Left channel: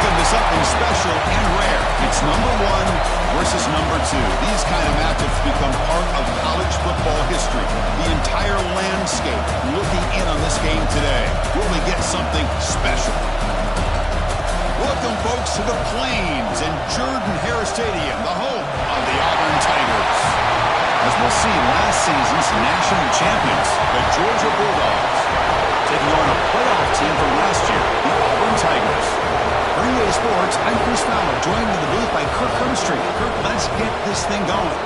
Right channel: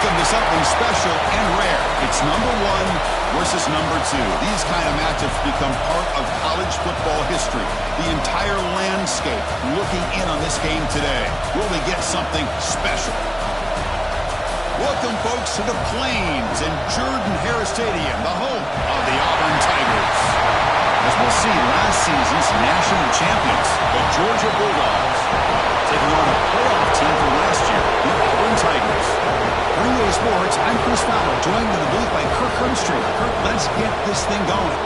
Welcome to something special and rare. It's number 1 versus number 2. These kind of matchups become part of college football history. The entire landscape looking in on this game today. Will we get something special? Welcome, folks, to the Plains and Jordan-Hare Stadium, the home of the Auburn Tigers. As we'll see, last season's national champions, the Georgia Bulldogs, taking on a playoff team from last year, the Auburn Tigers. For EA Sports, I'm Chris Fowler, joined in the booth by Kirk Herbstreit. Kirk, let's get this thing going.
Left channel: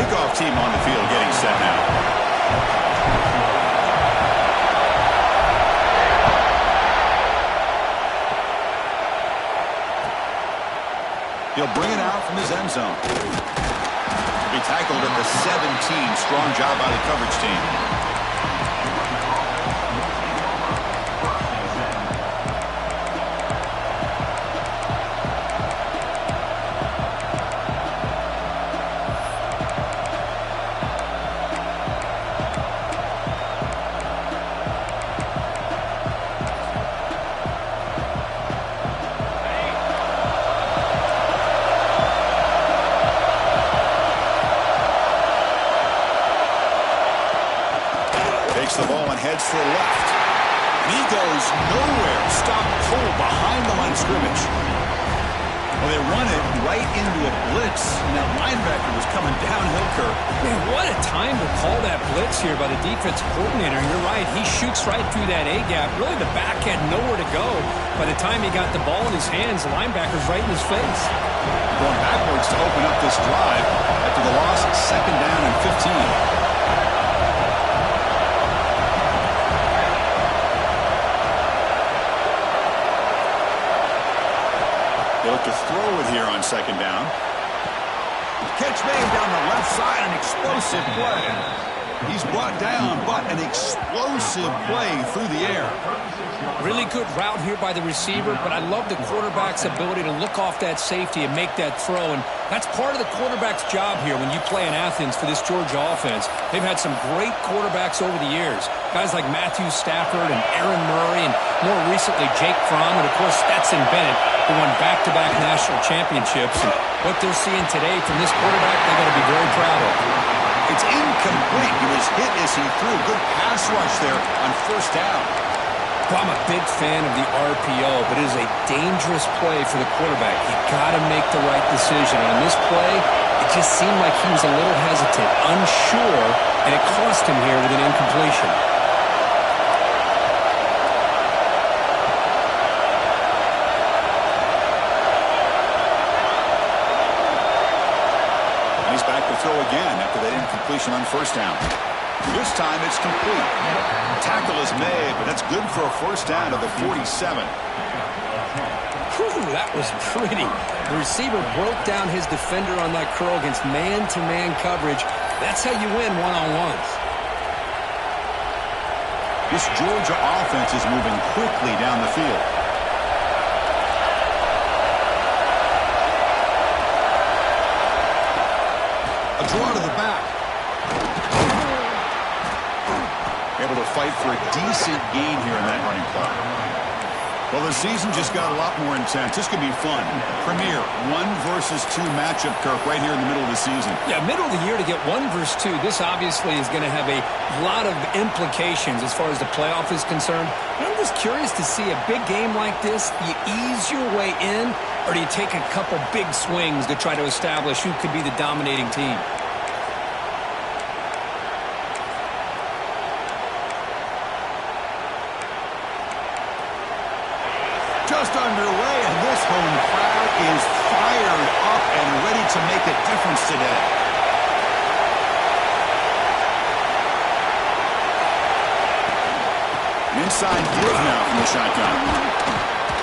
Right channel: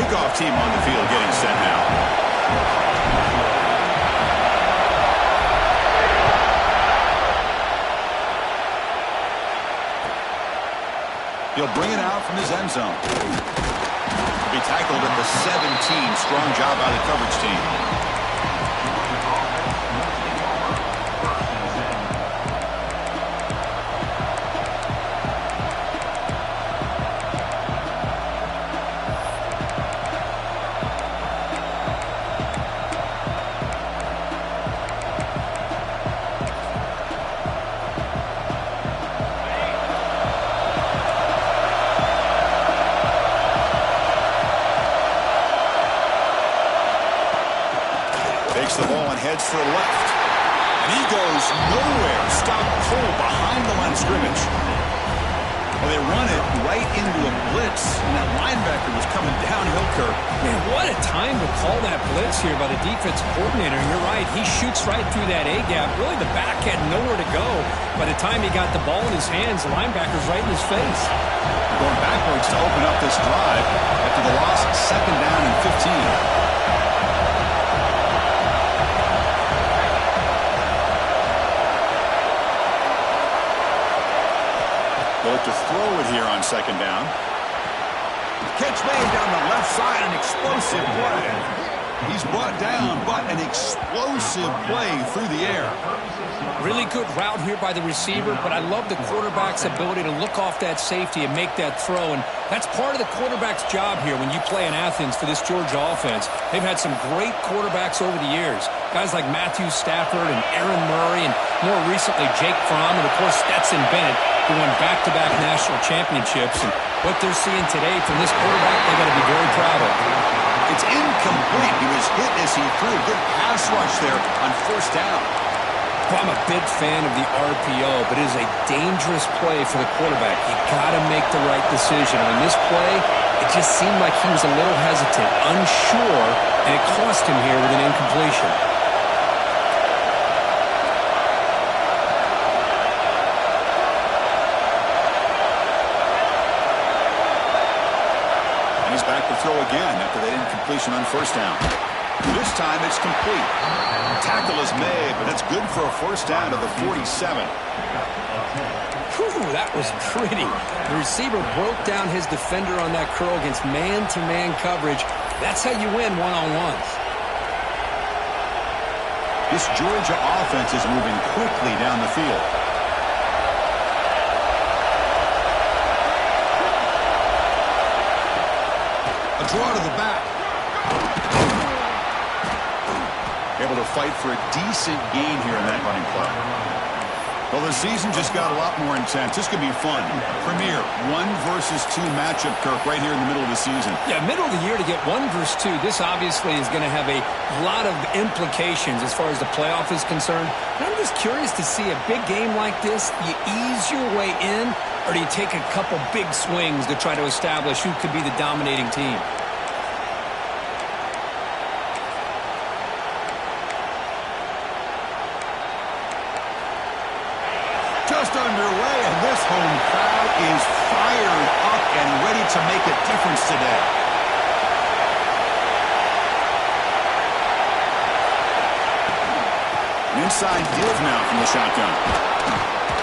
Kickoff team on the field getting set now. He'll bring it out from his end zone. He'll be tackled at the 17. Strong job by the coverage team. Takes the ball and heads to the left. And he goes nowhere. Stop pull behind the line of scrimmage. Well, they run it right into a blitz, and that linebacker was coming downhill, Kirk. Man, what a time to call that blitz here by the defense coordinator. And you're right, he shoots right through that A-gap. Really, the back had nowhere to go. By the time he got the ball in his hands, the linebacker's right in his face. Going backwards to open up this drive after the loss, 2nd down and 15. They look to throw it here on 2nd down. Catch made down the left side, an explosive play. He's brought down, but an explosive play through the air. Really good route here by the receiver, but I love the quarterback's ability to look off that safety and make that throw. And that's part of the quarterback's job here when you play in Athens for this Georgia offense. They've had some great quarterbacks over the years. Guys like Matthew Stafford and Aaron Murray, and more recently Jake Fromm, and of course Stetson Bennett, who won back-to-back national championships. And what they're seeing today from this quarterback, they got to be very proud of. It's incomplete. He was hit as he threw. Good pass rush there on 1st down. Well, I'm a big fan of the RPO, but it is a dangerous play for the quarterback. You got to make the right decision. On this play, it just seemed like he was a little hesitant, unsure, and it cost him here with an incompletion. He's back to throw again after that incompletion on 1st down. This time it's complete. Tackle is made, but that's good for a 1st down to the 47. Whew, that was pretty. The receiver broke down his defender on that curl against man-to-man coverage. That's how you win one-on-ones. This Georgia offense is moving quickly down the field. A draw to the back. Able to fight for a decent gain here in that running play. Well, the season just got a lot more intense. This could be fun. Premier 1 versus 2 matchup, Kirk, right here in the middle of the season. Yeah, middle of the year to get 1 versus 2. This obviously is going to have a lot of implications as far as the playoff is concerned. And I'm just curious to see a big game like this. You ease your way in, or do you take a couple big swings to try to establish who could be the dominating team? Just underway, and this home crowd is fired up and ready to make a difference today. An inside give now from the shotgun.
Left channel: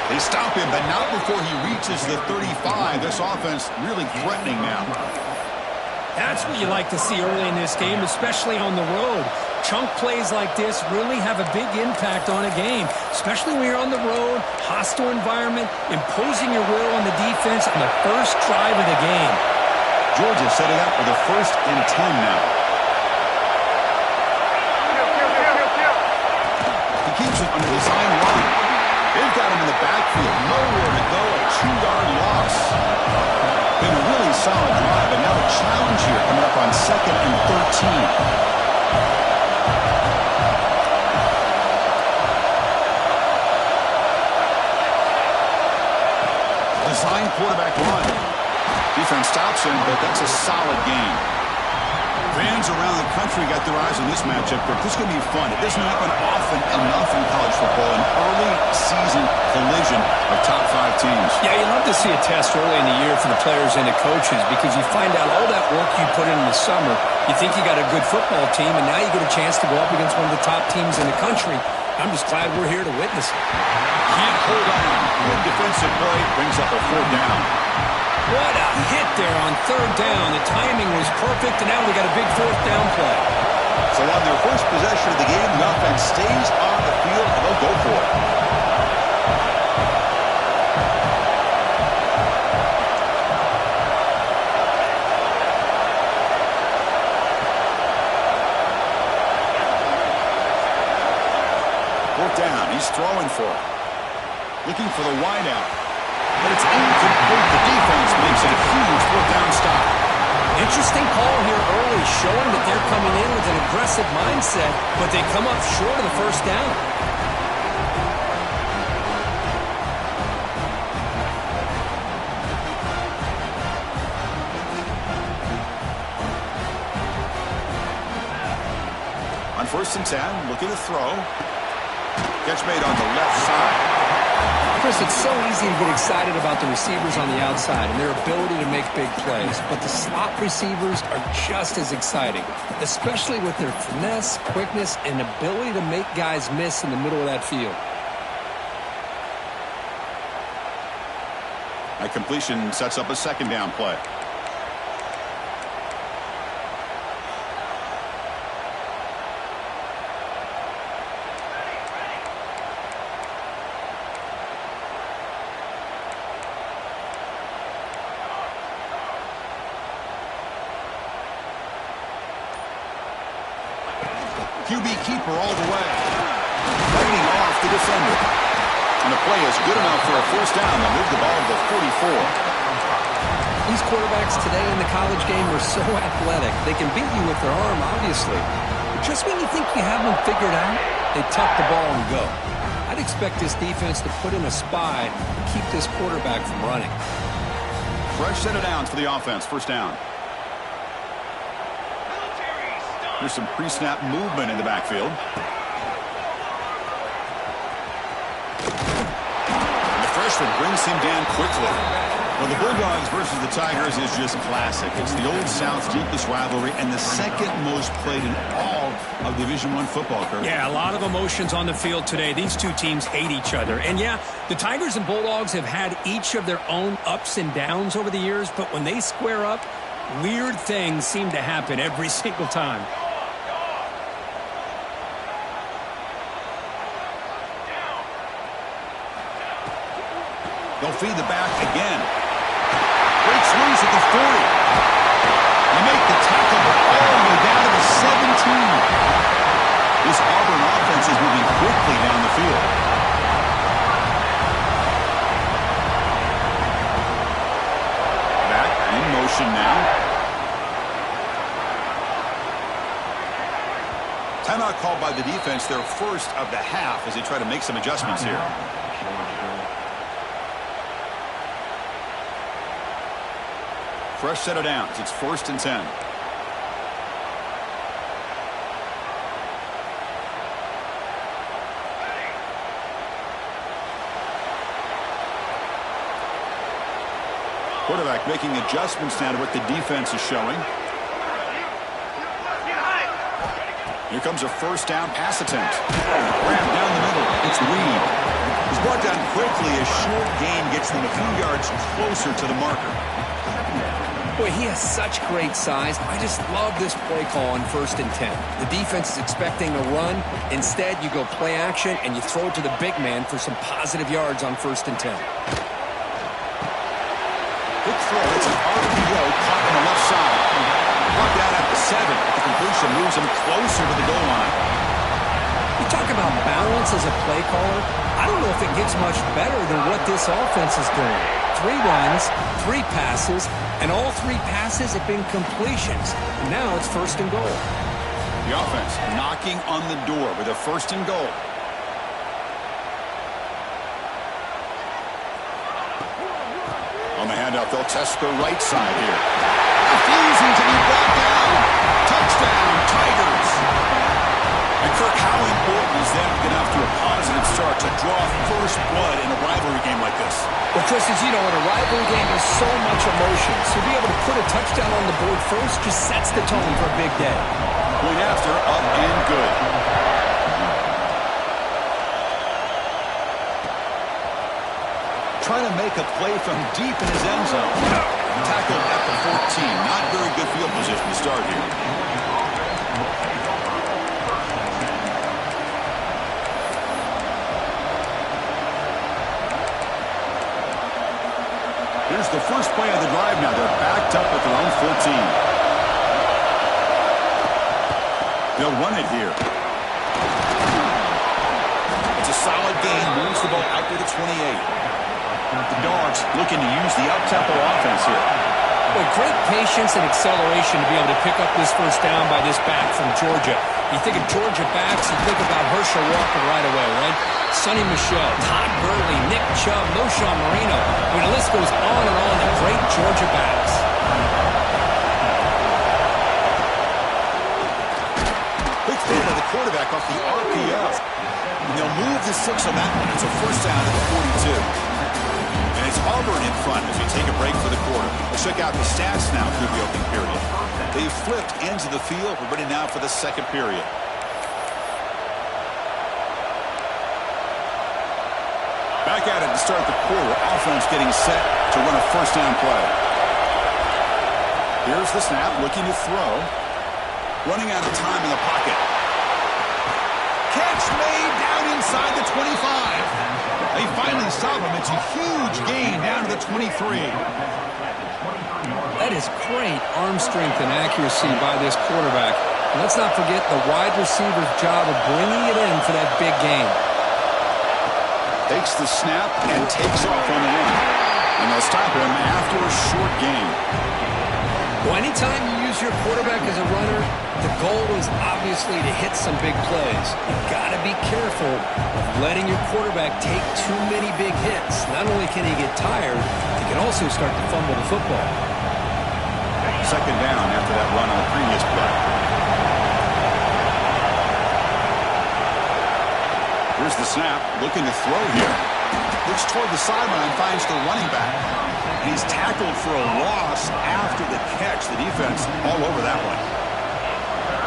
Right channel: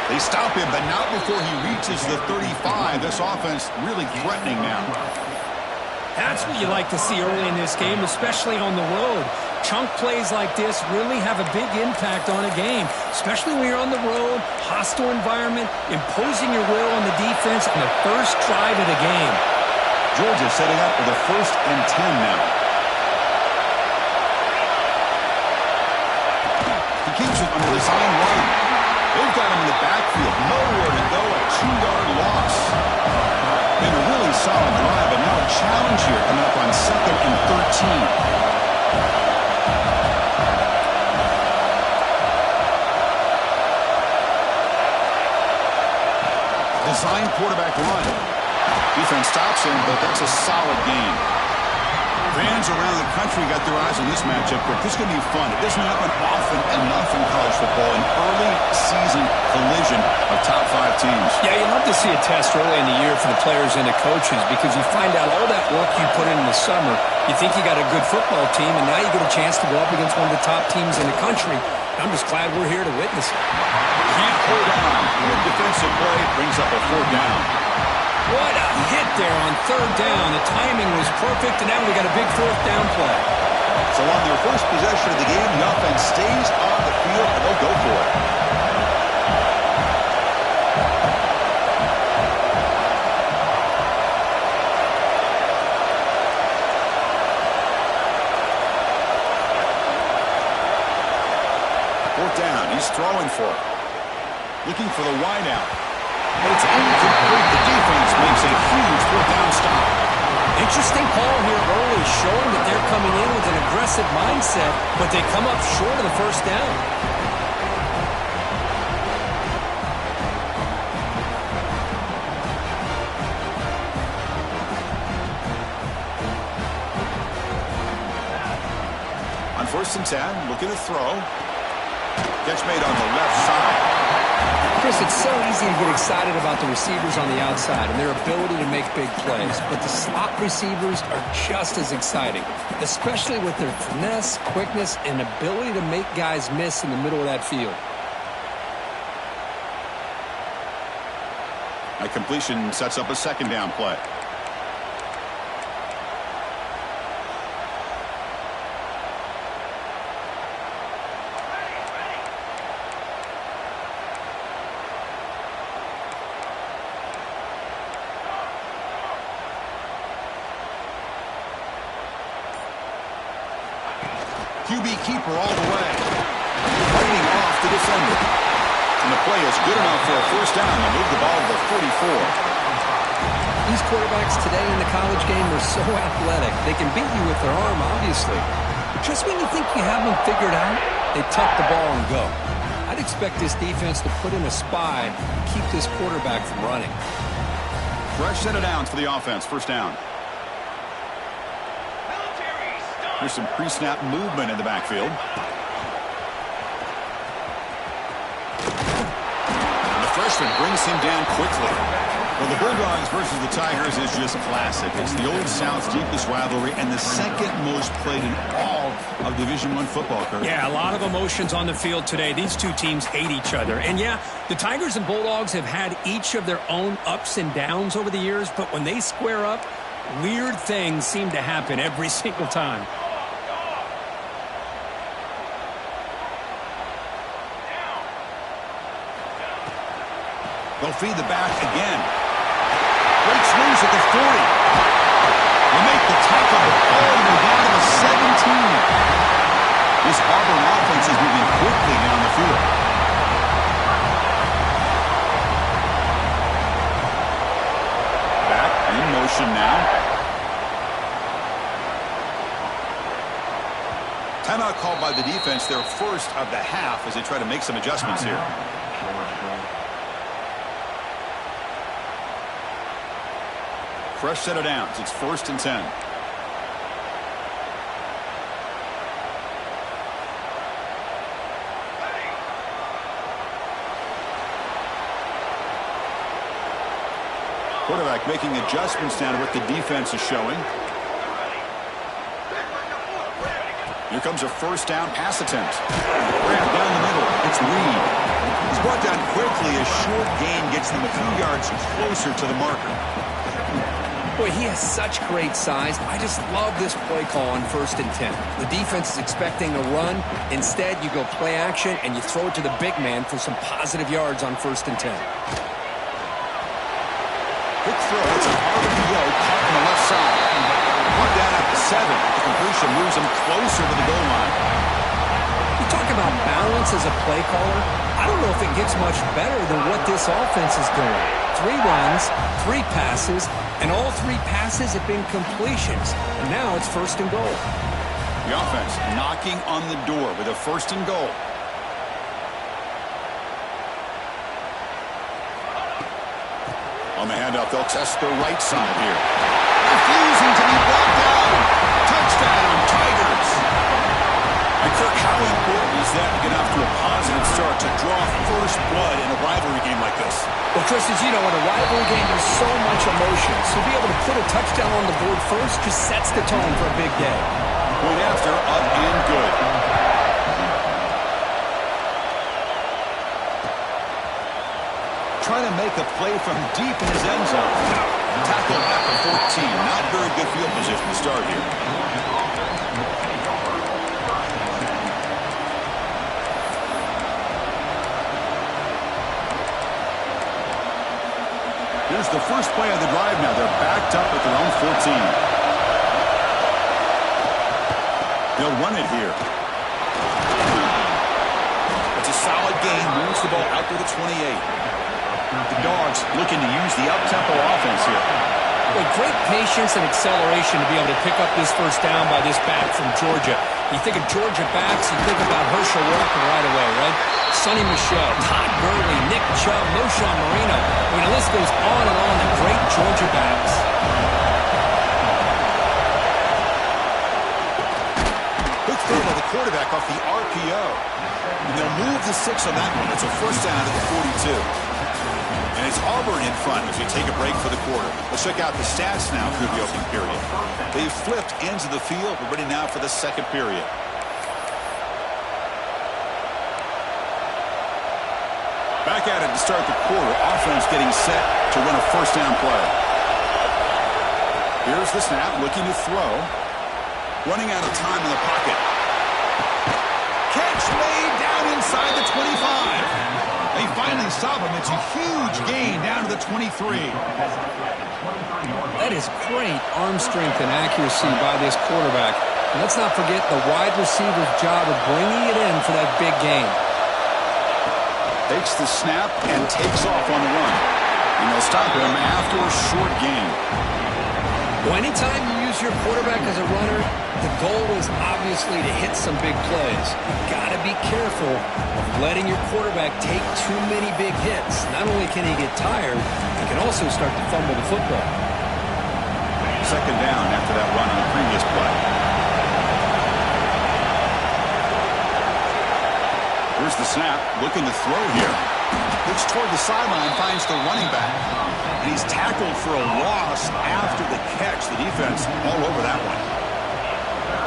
They stop him, but not before he reaches the 35. This offense really threatening now. That's what you like to see early in this game, especially on the road. Chunk plays like this really have a big impact on a game, especially when you're on the road, hostile environment, imposing your will on the defense on the first drive of the game. Georgia setting up with a 1st and 10 now. He keeps it under design run. They've got him in the backfield. Nowhere to go. A 2-yard loss. Been a really solid drive, but now a challenge here coming up on 2nd and 13. Design quarterback run. Defense stops him, but that's a solid gain. Fans around the country got their eyes on this matchup, but this is going to be fun. It doesn't happen often enough in college football, an early season collision of top 5 teams. Yeah, you love to see a test early in the year for the players and the coaches because you find out all that work you put in the summer. You think you got a good football team, and now you get a chance to go up against one of the top teams in the country. I'm just glad we're here to witness it. Can't hold on. Good defensive play brings up a 4th down. What a hit there on 3rd down. The timing was perfect, and now we got a big 4th down play. So on their first possession of the game, the offense stays on the field, and they'll go for it. Fourth down. He's throwing for it. Looking for the wideout. But it's incomplete. The defense makes a huge 4th down stop. Interesting call here early, showing that they're coming in with an aggressive mindset, but they come up short of the 1st down. On 1st and 10, looking to throw. Catch made on the left side. Chris, it's so easy to get excited about the receivers on the outside and their ability to make big plays, but the slot receivers are just as exciting, especially with their finesse, quickness, and ability to make guys miss in the middle of that field. A completion sets up a 2nd down play. QB keeper all the way. Fighting off the defender. And the play is good enough for a 1st down. They'll move the ball to the 44. These quarterbacks today in the college game are so athletic. They can beat you with their arm, obviously. But just when you think you have them figured out, they tuck the ball and go. I'd expect this defense to put in a spy and keep this quarterback from running. Fresh set of downs for the offense. 1st down. There's some pre-snap movement in the backfield. And the freshman brings him down quickly. Well, the Bulldogs versus the Tigers is just classic. It's the Old South's deepest rivalry and the 2nd most played in all of Division I football, Kurt. Yeah, a lot of emotions on the field today. These two teams hate each other. And yeah, the Tigers and Bulldogs have had each of their own ups and downs over the years, but when they square up, weird things seem to happen every single time. They'll feed the back again. Breaks loose at the 40. They make the tackle, but all the way down to the 17. This Auburn offense is moving quickly down the field. Back in motion now. Timeout called by the defense, their 1st of the half as they try to make some adjustments here. Fresh set of downs. It's 1st and 10. Quarterback making adjustments now to what the defense is showing. Here comes a first down pass attempt. Grab down the middle. It's Reed. He's brought down quickly. A short gain gets them a few yards closer to the marker. Boy, he has such great size. I just love this play call on 1st and 10. The defense is expecting a run. Instead, you go play action, and you throw it to the big man for some positive yards on 1st and 10. Quick throw. It's an RPO caught on the left side. Brought down at the 7. The completion moves him closer to the goal line. You talk about balance as a play caller. I don't know if it gets much better than what this offense is doing. 3 runs, 3 passes, and all 3 passes have been completions. And now it's 1st and goal. The offense knocking on the door with a 1st and goal. On the handoff, they'll test the right side here. Refusing to be brought down. Touchdown, Tigers. And Kirk, how important is that to get off to a positive start, to draw first blood in a rivalry game like this? Well, Chris, as you know, in a rivalry game, there's so much emotion. So to be able to put a touchdown on the board first just sets the tone for a big day. Point after, up and good. Trying to make a play from deep in his end zone. Tackled at the 14. Not very good field position to start here. Here's the first play of the drive now. They're backed up at their own 14. They'll run it here. It's a solid gain. Moves the ball out to the 28. The Dogs looking to use the up-tempo offense here. Boy, great patience and acceleration to be able to pick up this first down by this back from Georgia. You think of Georgia backs, you think about Herschel Walker right away, right? Sonny Michel, Todd Gurley, Nick Chubb, Moshawn Marino. I mean, the list goes on and on of great Georgia backs. Quick throw by the quarterback off the RPO. And they'll move the 6 on that one. It's a first down at the 42. And it's Auburn in front as we take a break for the quarter. We'll check out the stats now through the opening period. They've flipped ends of the field. We're ready now for the second period. Back at it to start the quarter. Offense getting set to run a first down play. Here's the snap, looking to throw. Running out of time in the pocket. Catch made down inside the 25. They finally stop him. It's a huge gain down to the 23. That is great arm strength and accuracy by this quarterback. And let's not forget the wide receiver's job of bringing it in for that big gain. Takes the snap and takes off on the run. And they'll stop him after a short gain. Well, anytime you use your quarterback as a runner, the goal is obviously to hit some big plays. You've got to be careful of letting your quarterback take too many big hits. Not only can he get tired, he can also start to fumble the football. Second down after that run on the previous play. Here's the snap, looking to throw here. Looks toward the sideline, finds the running back. And he's tackled for a loss after the catch. The defense all over that one.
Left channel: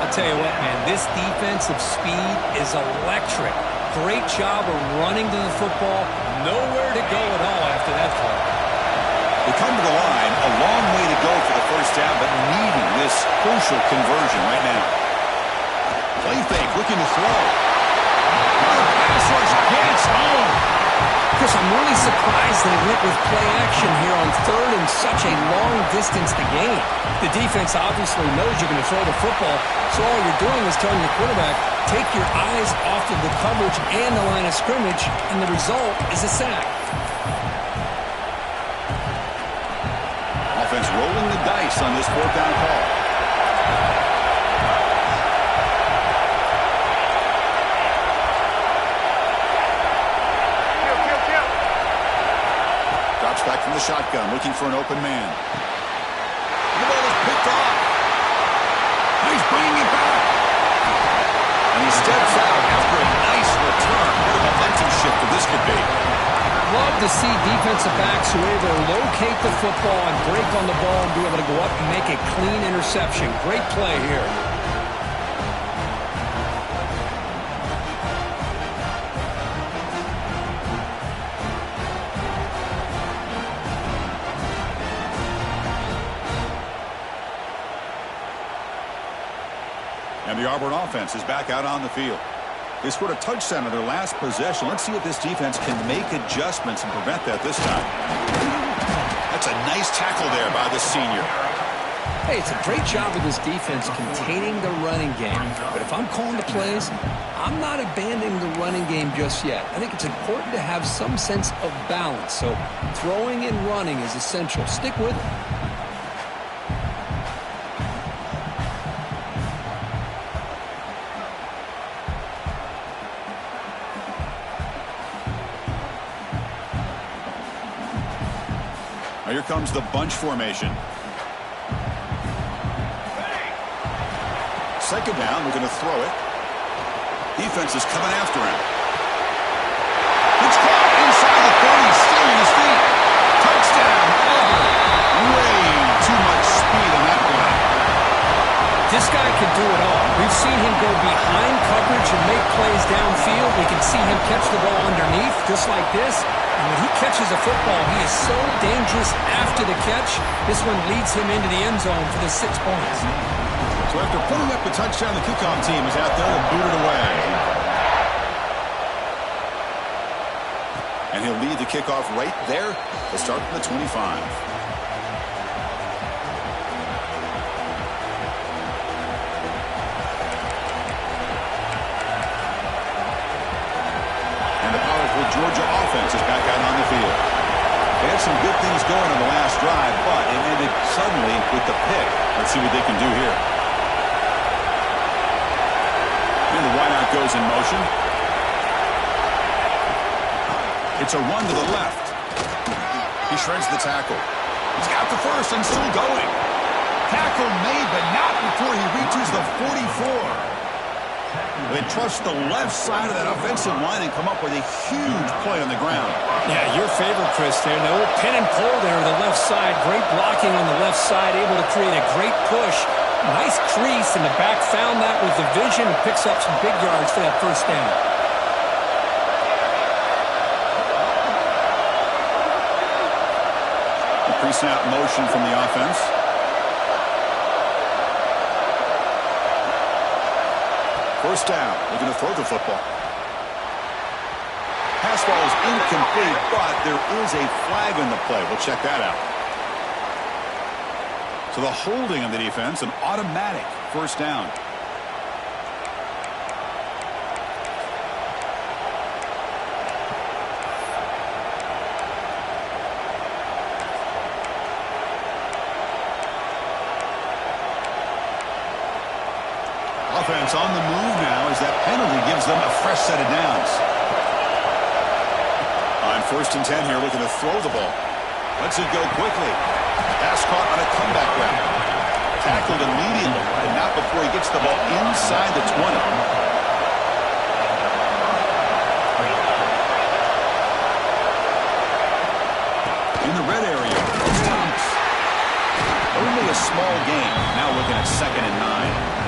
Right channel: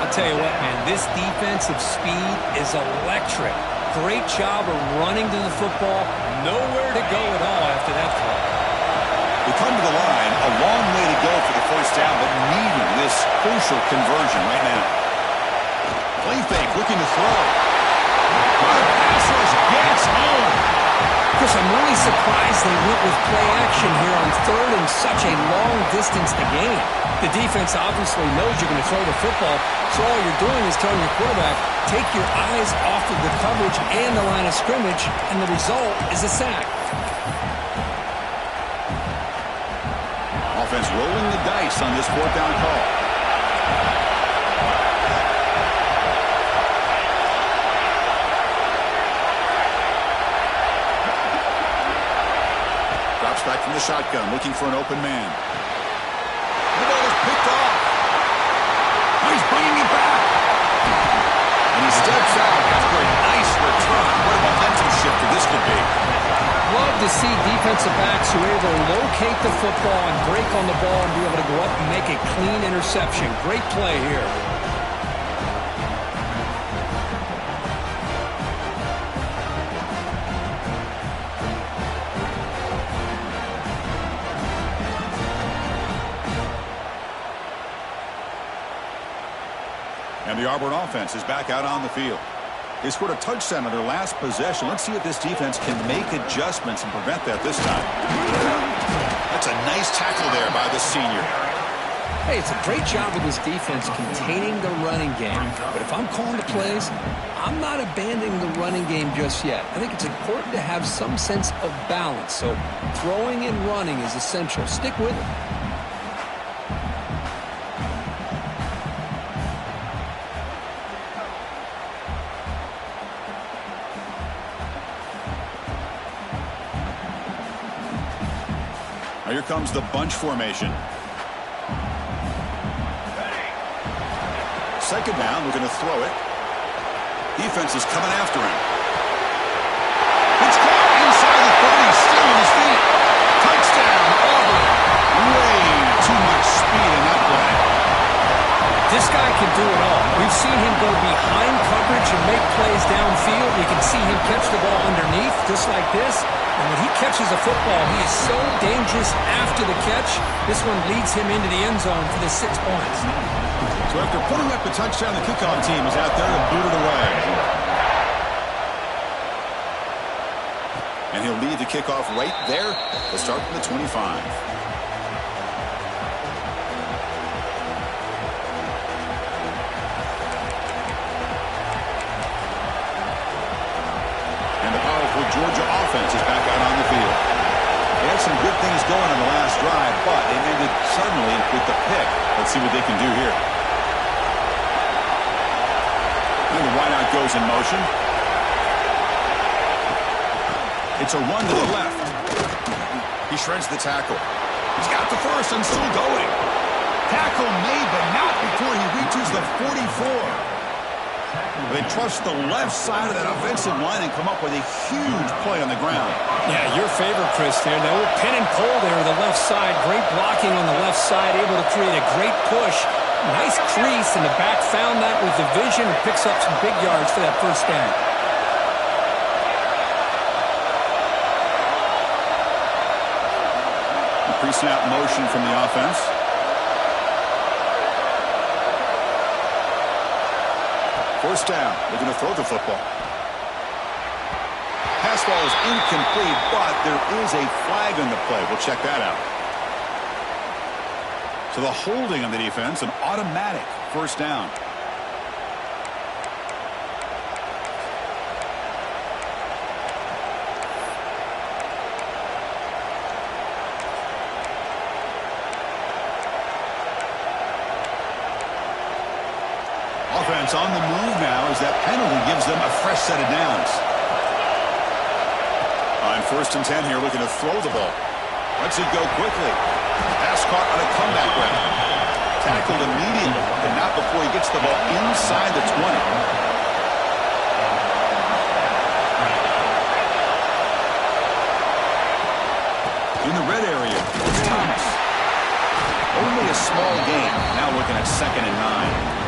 I'll tell you what, man, this defensive speed is electric. Great job of running to the football. Nowhere to go at all after that throw. They come to the line, a long way to go for the first down, but needing this crucial conversion right now. Play fake, looking to throw. The pass rush gets home. Chris, I'm really surprised they went with play action here on third and such a long distance to gain. The defense obviously knows you're going to throw the football, so all you're doing is telling your quarterback, take your eyes off of the coverage and the line of scrimmage, and the result is a sack. Offense rolling the dice on this fourth down call. Drops back from the shotgun, looking for an open man. The ball is picked off. Now he's bringing it back. And he steps out after a nice return. What a momentum shifter this could be. Love to see defensive backs who are able to locate the football and break on the ball and be able to go up and make a clean interception. Great play here. And the Auburn offense is back out on the field. They scored a touchdown on their last possession. Let's see if this defense can make adjustments and prevent that this time. That's a nice tackle there by the senior. Hey, it's a great job of this defense containing the running game. But if I'm calling the plays, I'm not abandoning the running game just yet. I think it's important to have some sense of balance. So throwing and running is essential. Stick with it. Now here comes the bunch formation. Second down, we're going to throw it. Defense is coming after him. It's caught inside the 30, still on his feet. Touchdown, Auburn. Way too much speed in that play. This guy can do it all. We've seen him go behind coverage and make plays downfield. We can see him catch the ball underneath, just like this. And when he catches a football, he is so dangerous after the catch. This one leads him into the end zone for the 6 points. So after putting up the touchdown, the kickoff team is out there to boot it away. And he'll lead the kickoff right there to start from the 25. And the powerful Georgia offense is back out on the field. They had some good things going on the last drive, but it ended suddenly with the pick. Let's see what they can do here. And the wideout goes in motion. It's a run to the left. He shreds the tackle. He's got the first and still going. Tackle made, but not before he reaches the 44. They trust the left side of that offensive line and come up with a huge play on the ground. Yeah, your favorite, Chris, there. The old pin and pull there on the left side. Great blocking on the left side, able to create a great push. Nice crease, and the back found that with the vision and picks up some big yards for that first down. The pre-snap motion from the offense. First down, looking to throw the football. Pass ball is incomplete, but there is a flag on the play. We'll check that out. So the holding on the defense, an automatic first down. Offense on the move now as that penalty gives them a fresh set of downs. On 1st and 10 here, looking to throw the ball. Lets it go quickly. Pass caught on a comeback route. Tackled immediately, but not before he gets the ball inside the 20. In the red area, it's Thomas. Only a small gain. Now looking at 2nd and 9.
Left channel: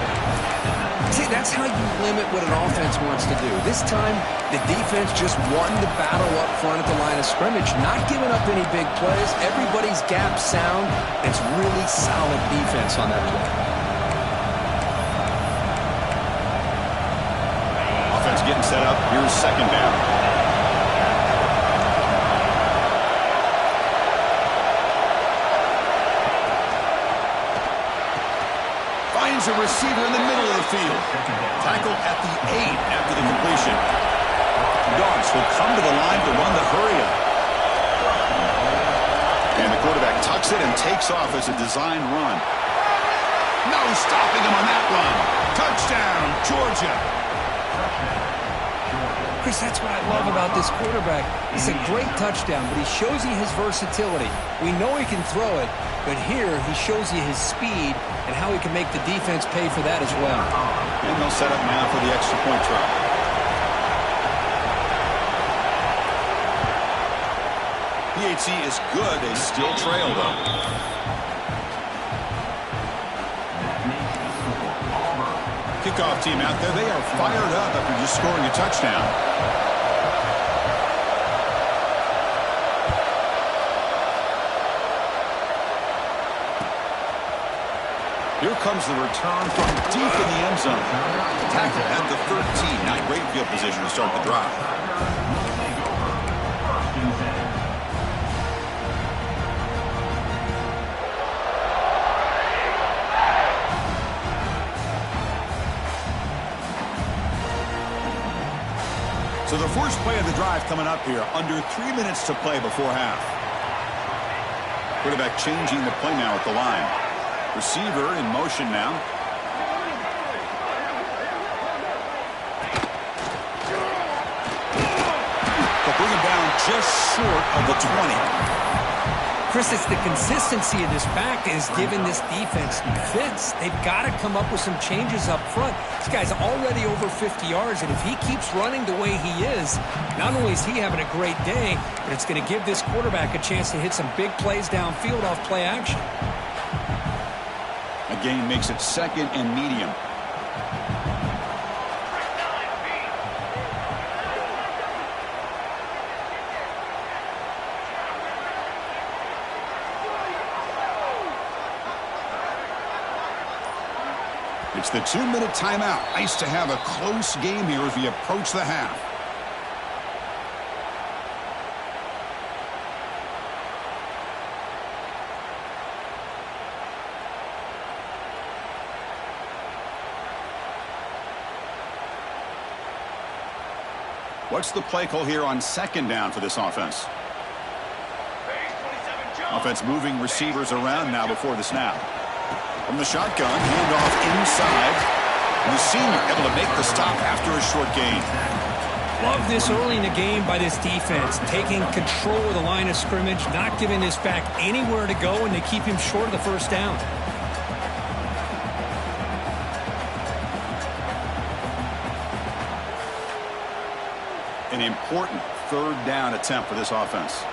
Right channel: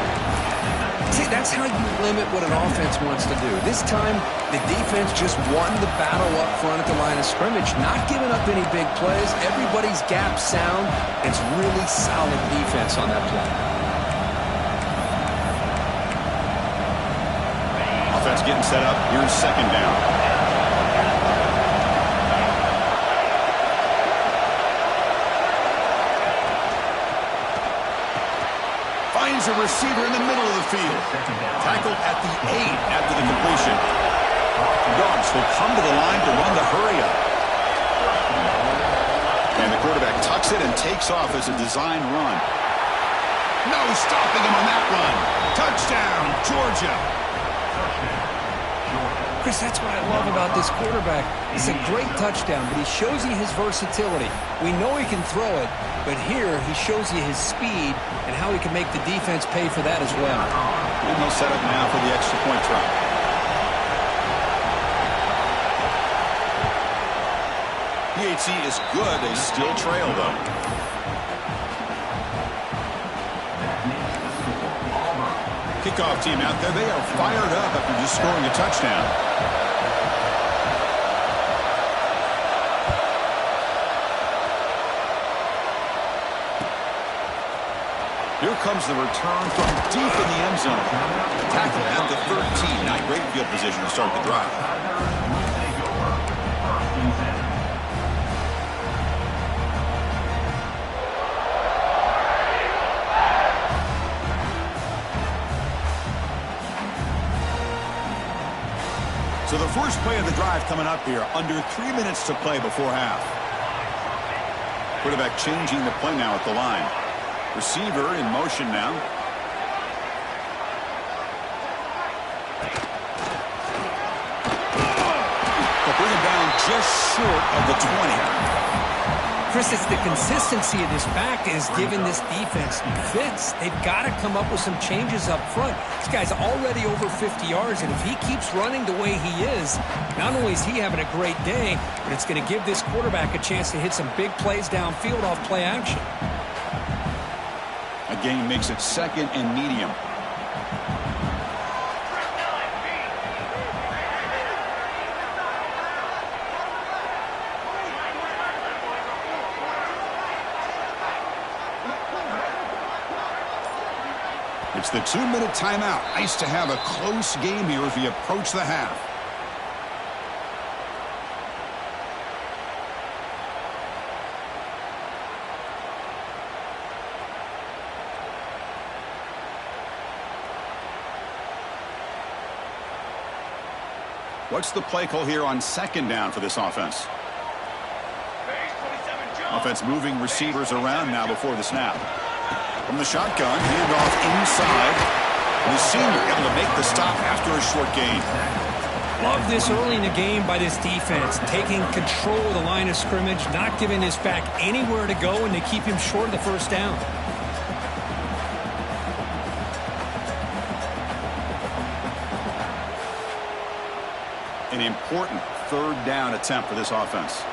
See, that's how you limit what an offense wants to do. This time, the defense just won the battle up front at the line of scrimmage, not giving up any big plays. Everybody's gap sound. It's really solid defense on that play. Offense getting set up. Here's 2nd down. Finds a receiver in the middle of the field. Tackled at the 8 after the completion. Dogs will come to the line to run the hurry up. And the quarterback tucks it and takes off as a design run. No stopping him on that run. Touchdown, Georgia. Chris, that's what I love about this quarterback. It's a great touchdown, but he shows you his versatility. We know he can throw it, but here he shows you his speed and how he can make the defense pay for that as well. And they'll set up now for the extra point try. PHC is good. They still trail, though. Kickoff team out there. They are fired up after just scoring a touchdown. Here comes the return from deep in the end zone. Tackled at the 13. Not great field position to start the drive. So the first play of the drive coming up here. Under 3 minutes to play before half. Quarterback changing the play now at the line. Receiver in motion now. They'll bring him down just short of the 20. Chris, it's the consistency of this back is giving this defense fits. They've got to come up with some changes up front. This guy's already over 50 yards, and if he keeps running the way he is, not only is he having a great day, but it's going to give this quarterback a chance to hit some big plays downfield off play action. A gain makes it 2nd and medium. It's the 2-minute timeout. Nice to have a close game here as we approach the half. What's the play call here on 2nd down for this offense? Offense moving receivers around now before the snap. From the shotgun, handoff inside. And the senior able to make the stop after a short gain. Love this early in the game by this defense. Taking control of the line of scrimmage, not giving this back anywhere to go, and they keep him short of the first down. An important 3rd down attempt for this offense.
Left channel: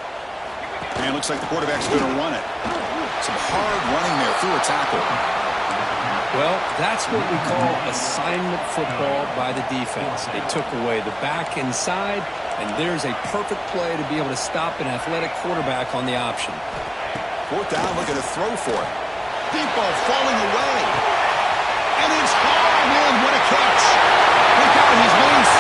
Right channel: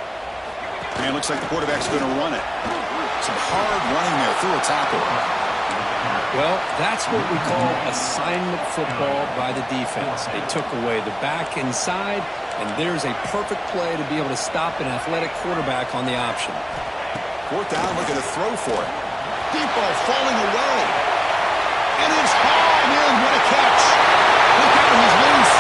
And it looks like the quarterback's going to run it. Some hard running there through a tackle. Well, that's what we call assignment football by the defense. They took away the back inside, and there's a perfect play to be able to stop an athletic quarterback on the option. 4th down, looking to throw for it. Deep ball falling away. And it's hauled in. What a catch. Look out, he's loose.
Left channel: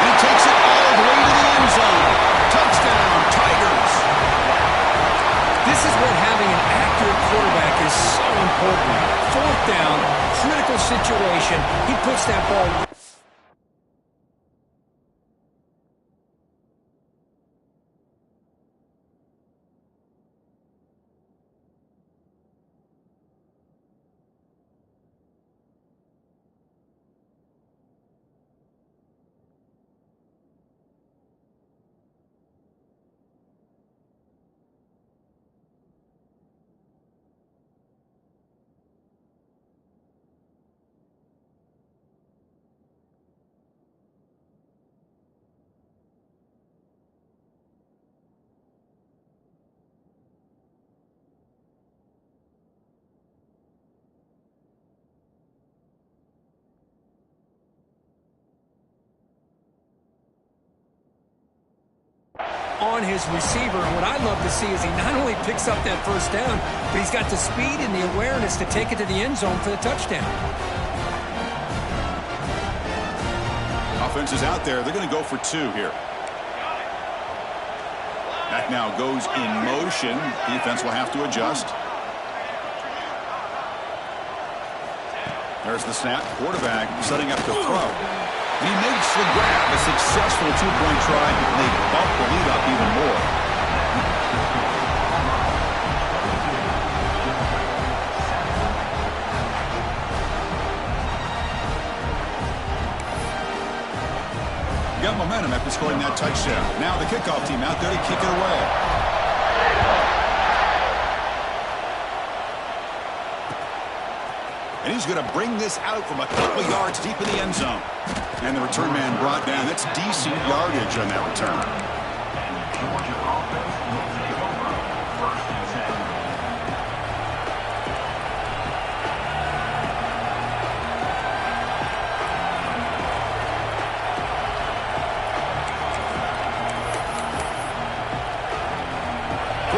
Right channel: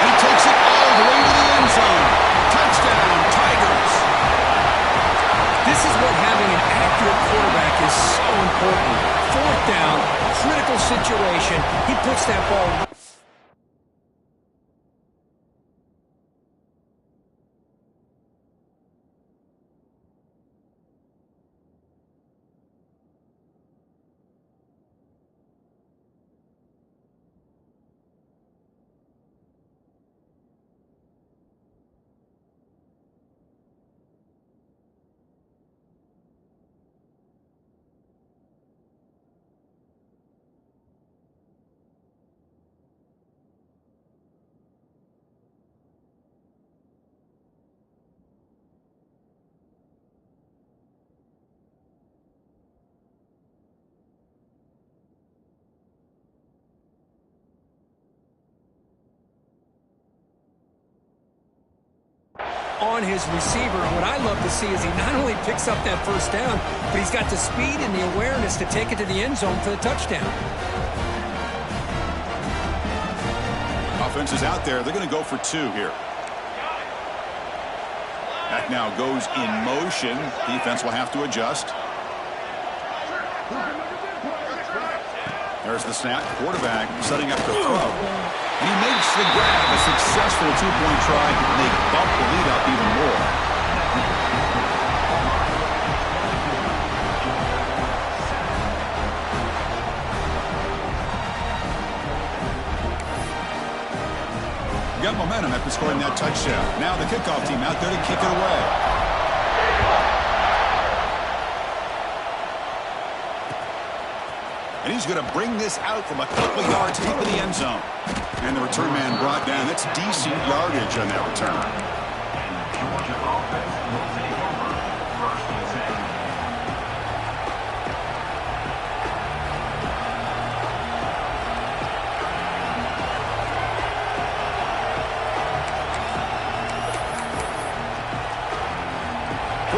And he takes it all the way to the end zone. Touchdown, Tigers. This is what having an accurate quarterback is so important. 4th down, critical situation. He puts that ball. On his receiver, and what I love to see is he not only picks up that first down, but he's got the speed and the awareness to take it to the end zone for the touchdown. Offense is out there. They're going to go for 2 here. Back now goes in motion. Defense will have to adjust. There's the snap. Quarterback setting up to throw. And he makes the grab. A successful 2-point try. And they bump the lead up even more. Got momentum after scoring that touchdown. Now the kickoff team out there to kick it away. And he's going to bring this out from a couple of yards deep in the end zone. And the return man brought down. That's decent yardage on that return. Georgia offense will take over 1st and 10.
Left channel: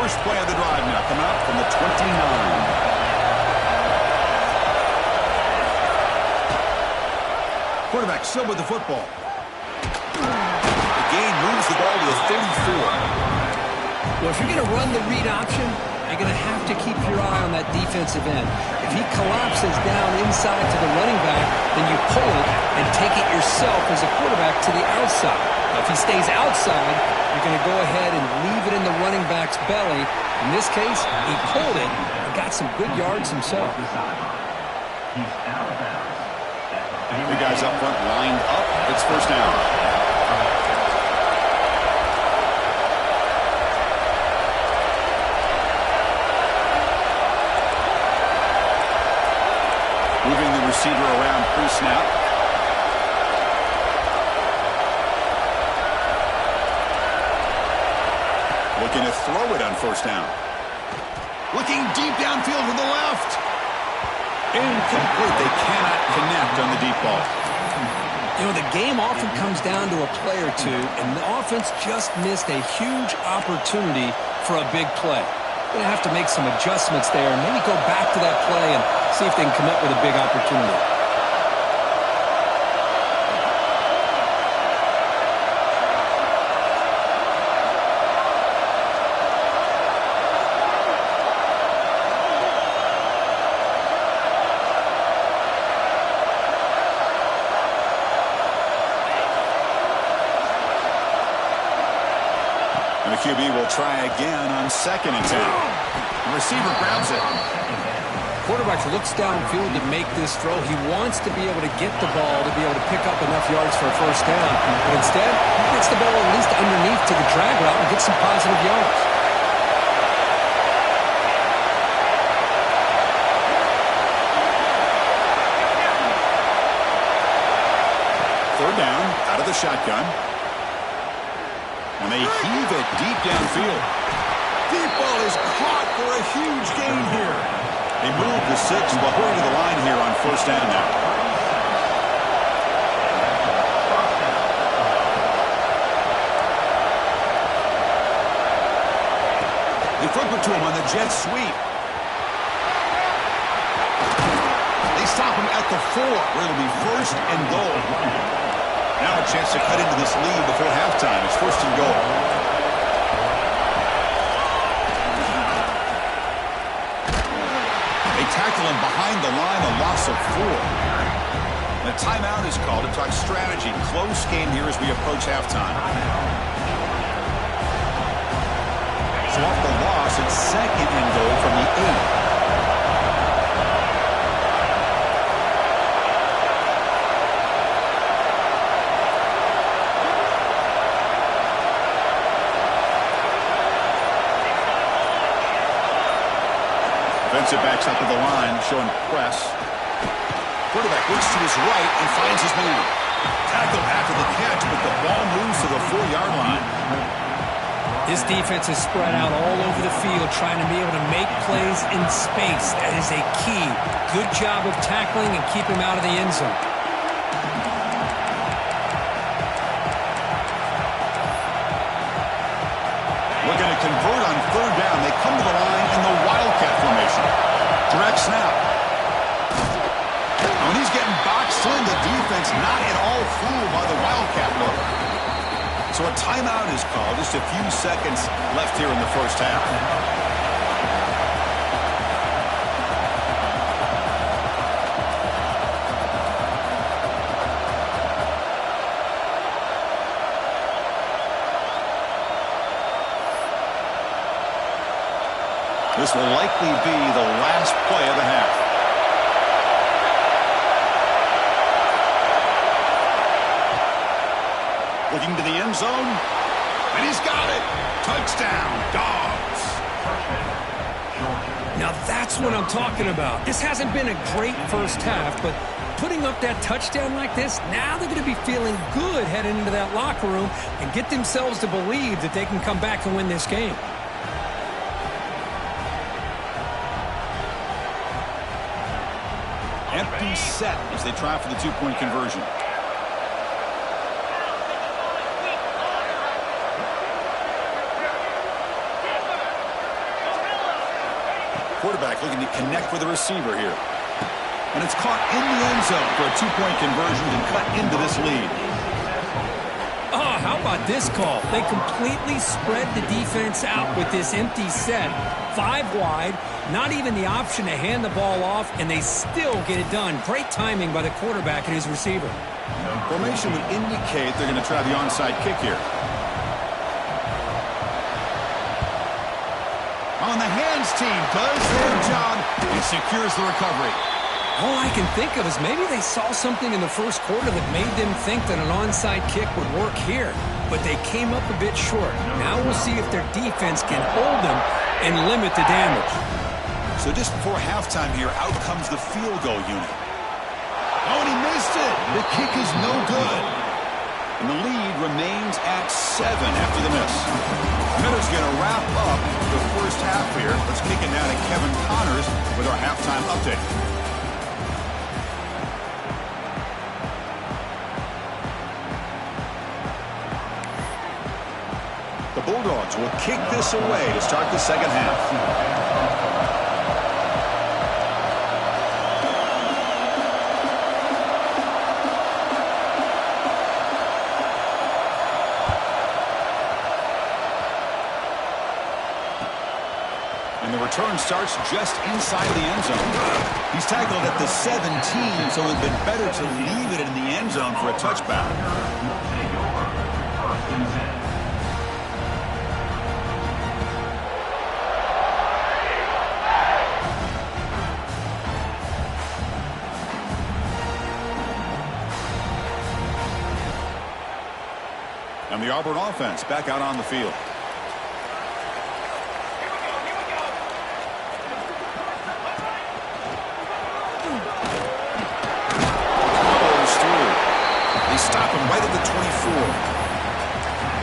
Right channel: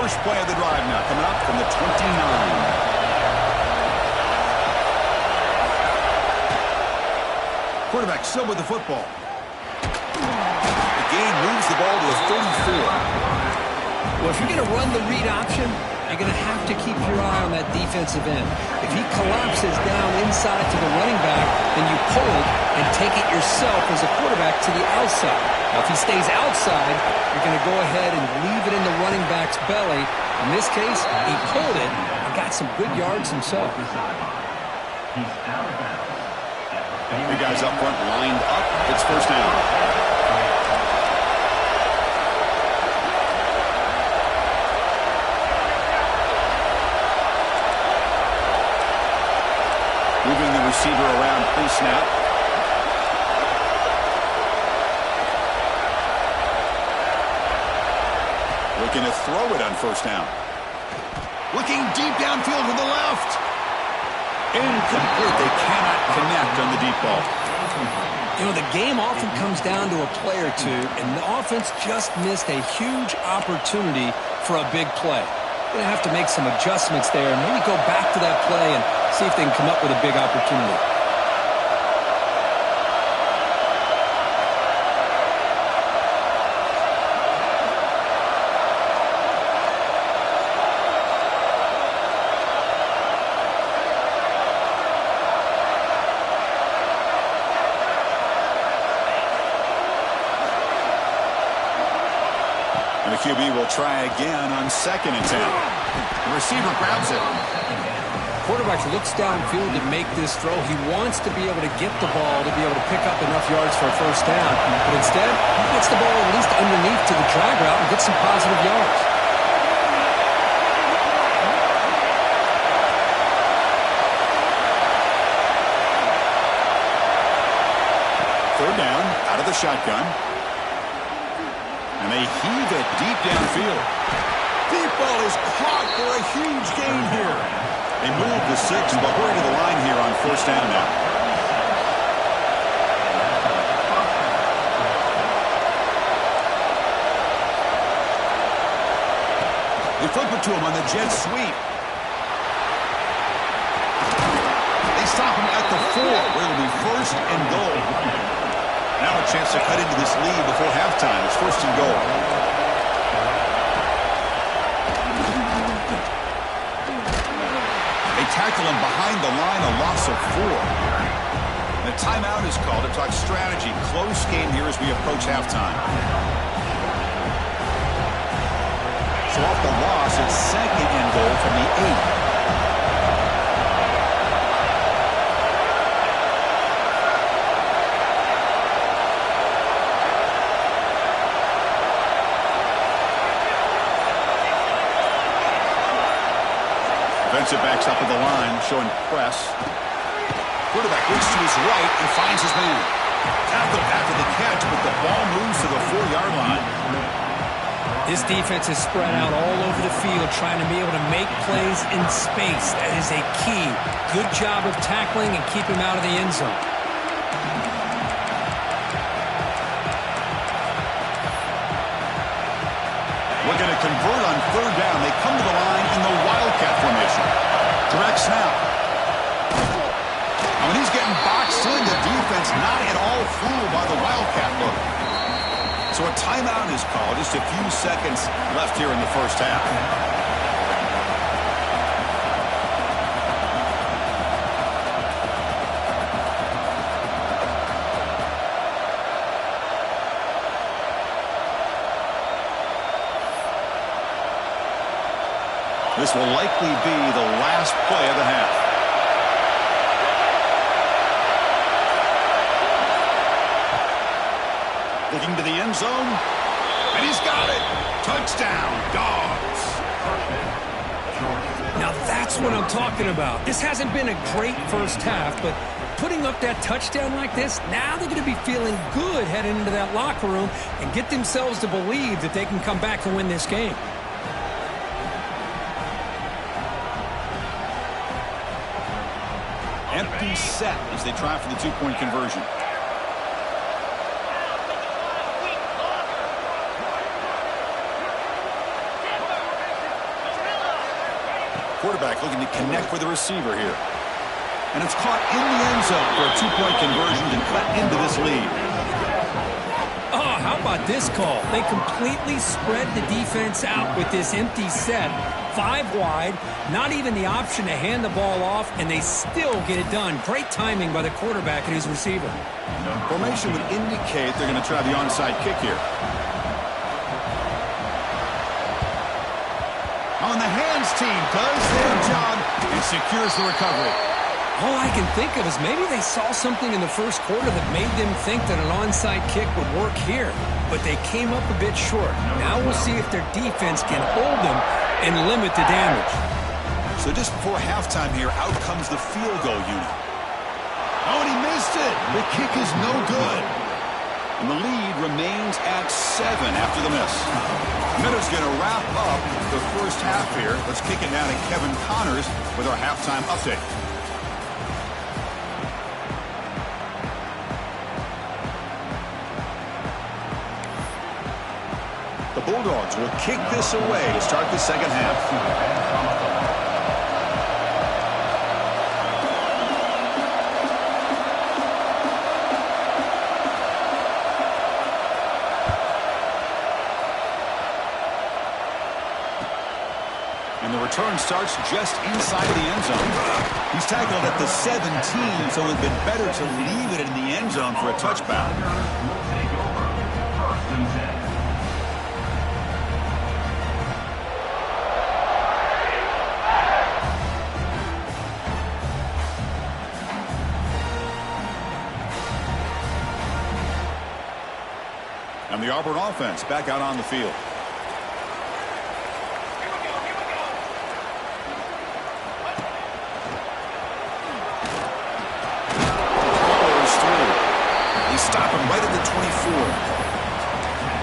First play of the drive now coming up from the 29. Quarterback still with the football. The gain moves the ball to the 34. Well, if you're going to run the read option, you're going to have to keep your eye on that defensive end. If he collapses down inside to the running back, then you pull it and take it yourself as a quarterback to the outside. Now, if he stays outside, you're going to go ahead and leave it in the running back's belly. In this case, he pulled it and got some good yards himself. He's out of bounds. The guys up front lined up. It's first down. Moving the receiver around pre-snap. Looking to throw it on first down. Looking deep downfield to the left. Incomplete. They cannot connect on the deep ball. You know, the game often comes down to a play or two, and the offense just missed a huge opportunity for a big play. Going to have to make some adjustments there and maybe go back to that play and see if they can come up with a big opportunity. And the QB will try again on 2nd and 10. The receiver grabs it. Quarterback looks downfield to make this throw. He wants to be able to get the ball to be able to pick up enough yards for a first down. But instead, he gets the ball at least underneath to the drag route and gets some positive yards. Third down, out of the shotgun. And they heave it deep downfield. Deep ball is caught for a huge gain here. They move the 6, but hurry to the line here on first down now. They flip it to him on the jet sweep. They stop him at the 4, where it'll be first and goal. Now a chance to cut into this lead before halftime. It's first and goal. They tackle him behind the line, a loss of 4. And a timeout is called to talk strategy. Close game here as we approach halftime. So off the loss, it's second and goal from the 8. Defensive backs up at the line, showing press. Quarterback looks to his right and finds his man. Tackle after the catch, but the ball moves to the 4-yard line. This defense is spread out all over the field, trying to be able to make plays in space. That is a key. Good job of tackling and keep him out of the end zone. Looking to convert on third down. They come to the line in the Wildcat formation. Direct snap. And when he's getting boxed in, the defense not at all fooled by the Wildcat look. So a timeout is called. Just a few seconds left here in the first half. This will likely be the last play of the half. Looking to the end zone. And he's got it. Touchdown, Dogs. Now that's what I'm talking about. This hasn't been a great first half, but putting up that touchdown like this, now they're going to be feeling good heading into that locker room and get themselves to believe that they can come back and win this game. Empty set as they try for the two-point conversion. quarterback looking to connect with the receiver here. And it's caught in the end zone for a 2-point conversion and cut into this lead. Oh, how about this call? They completely spread the defense out with this empty set. 5 wide, not even the option to hand the ball off, and they still get it done. Great timing by the quarterback and his receiver. Formation would indicate they're going to try the onside kick here. On the hands team does their job and secures the recovery. All I can think of is maybe they saw something in the first quarter that made them think that an onside kick would work here. But they came up a bit short. Now we'll see if their defense can hold them and limit the damage. So just before halftime here, out comes the field goal unit. Oh, and he missed it. The kick is no good. And the lead remains at 7 after the miss. Meadow's going to wrap up the first half here. Let's kick it down to Kevin Connors with our halftime update. The Bulldogs will kick this away to start the second half. And the return starts just inside the end zone. He's tackled at the 17, so it would have been better to leave it in the end zone for a touchback. Will take over. 1st and 10. And the Auburn offense back out on the field. Stop him right at the 24.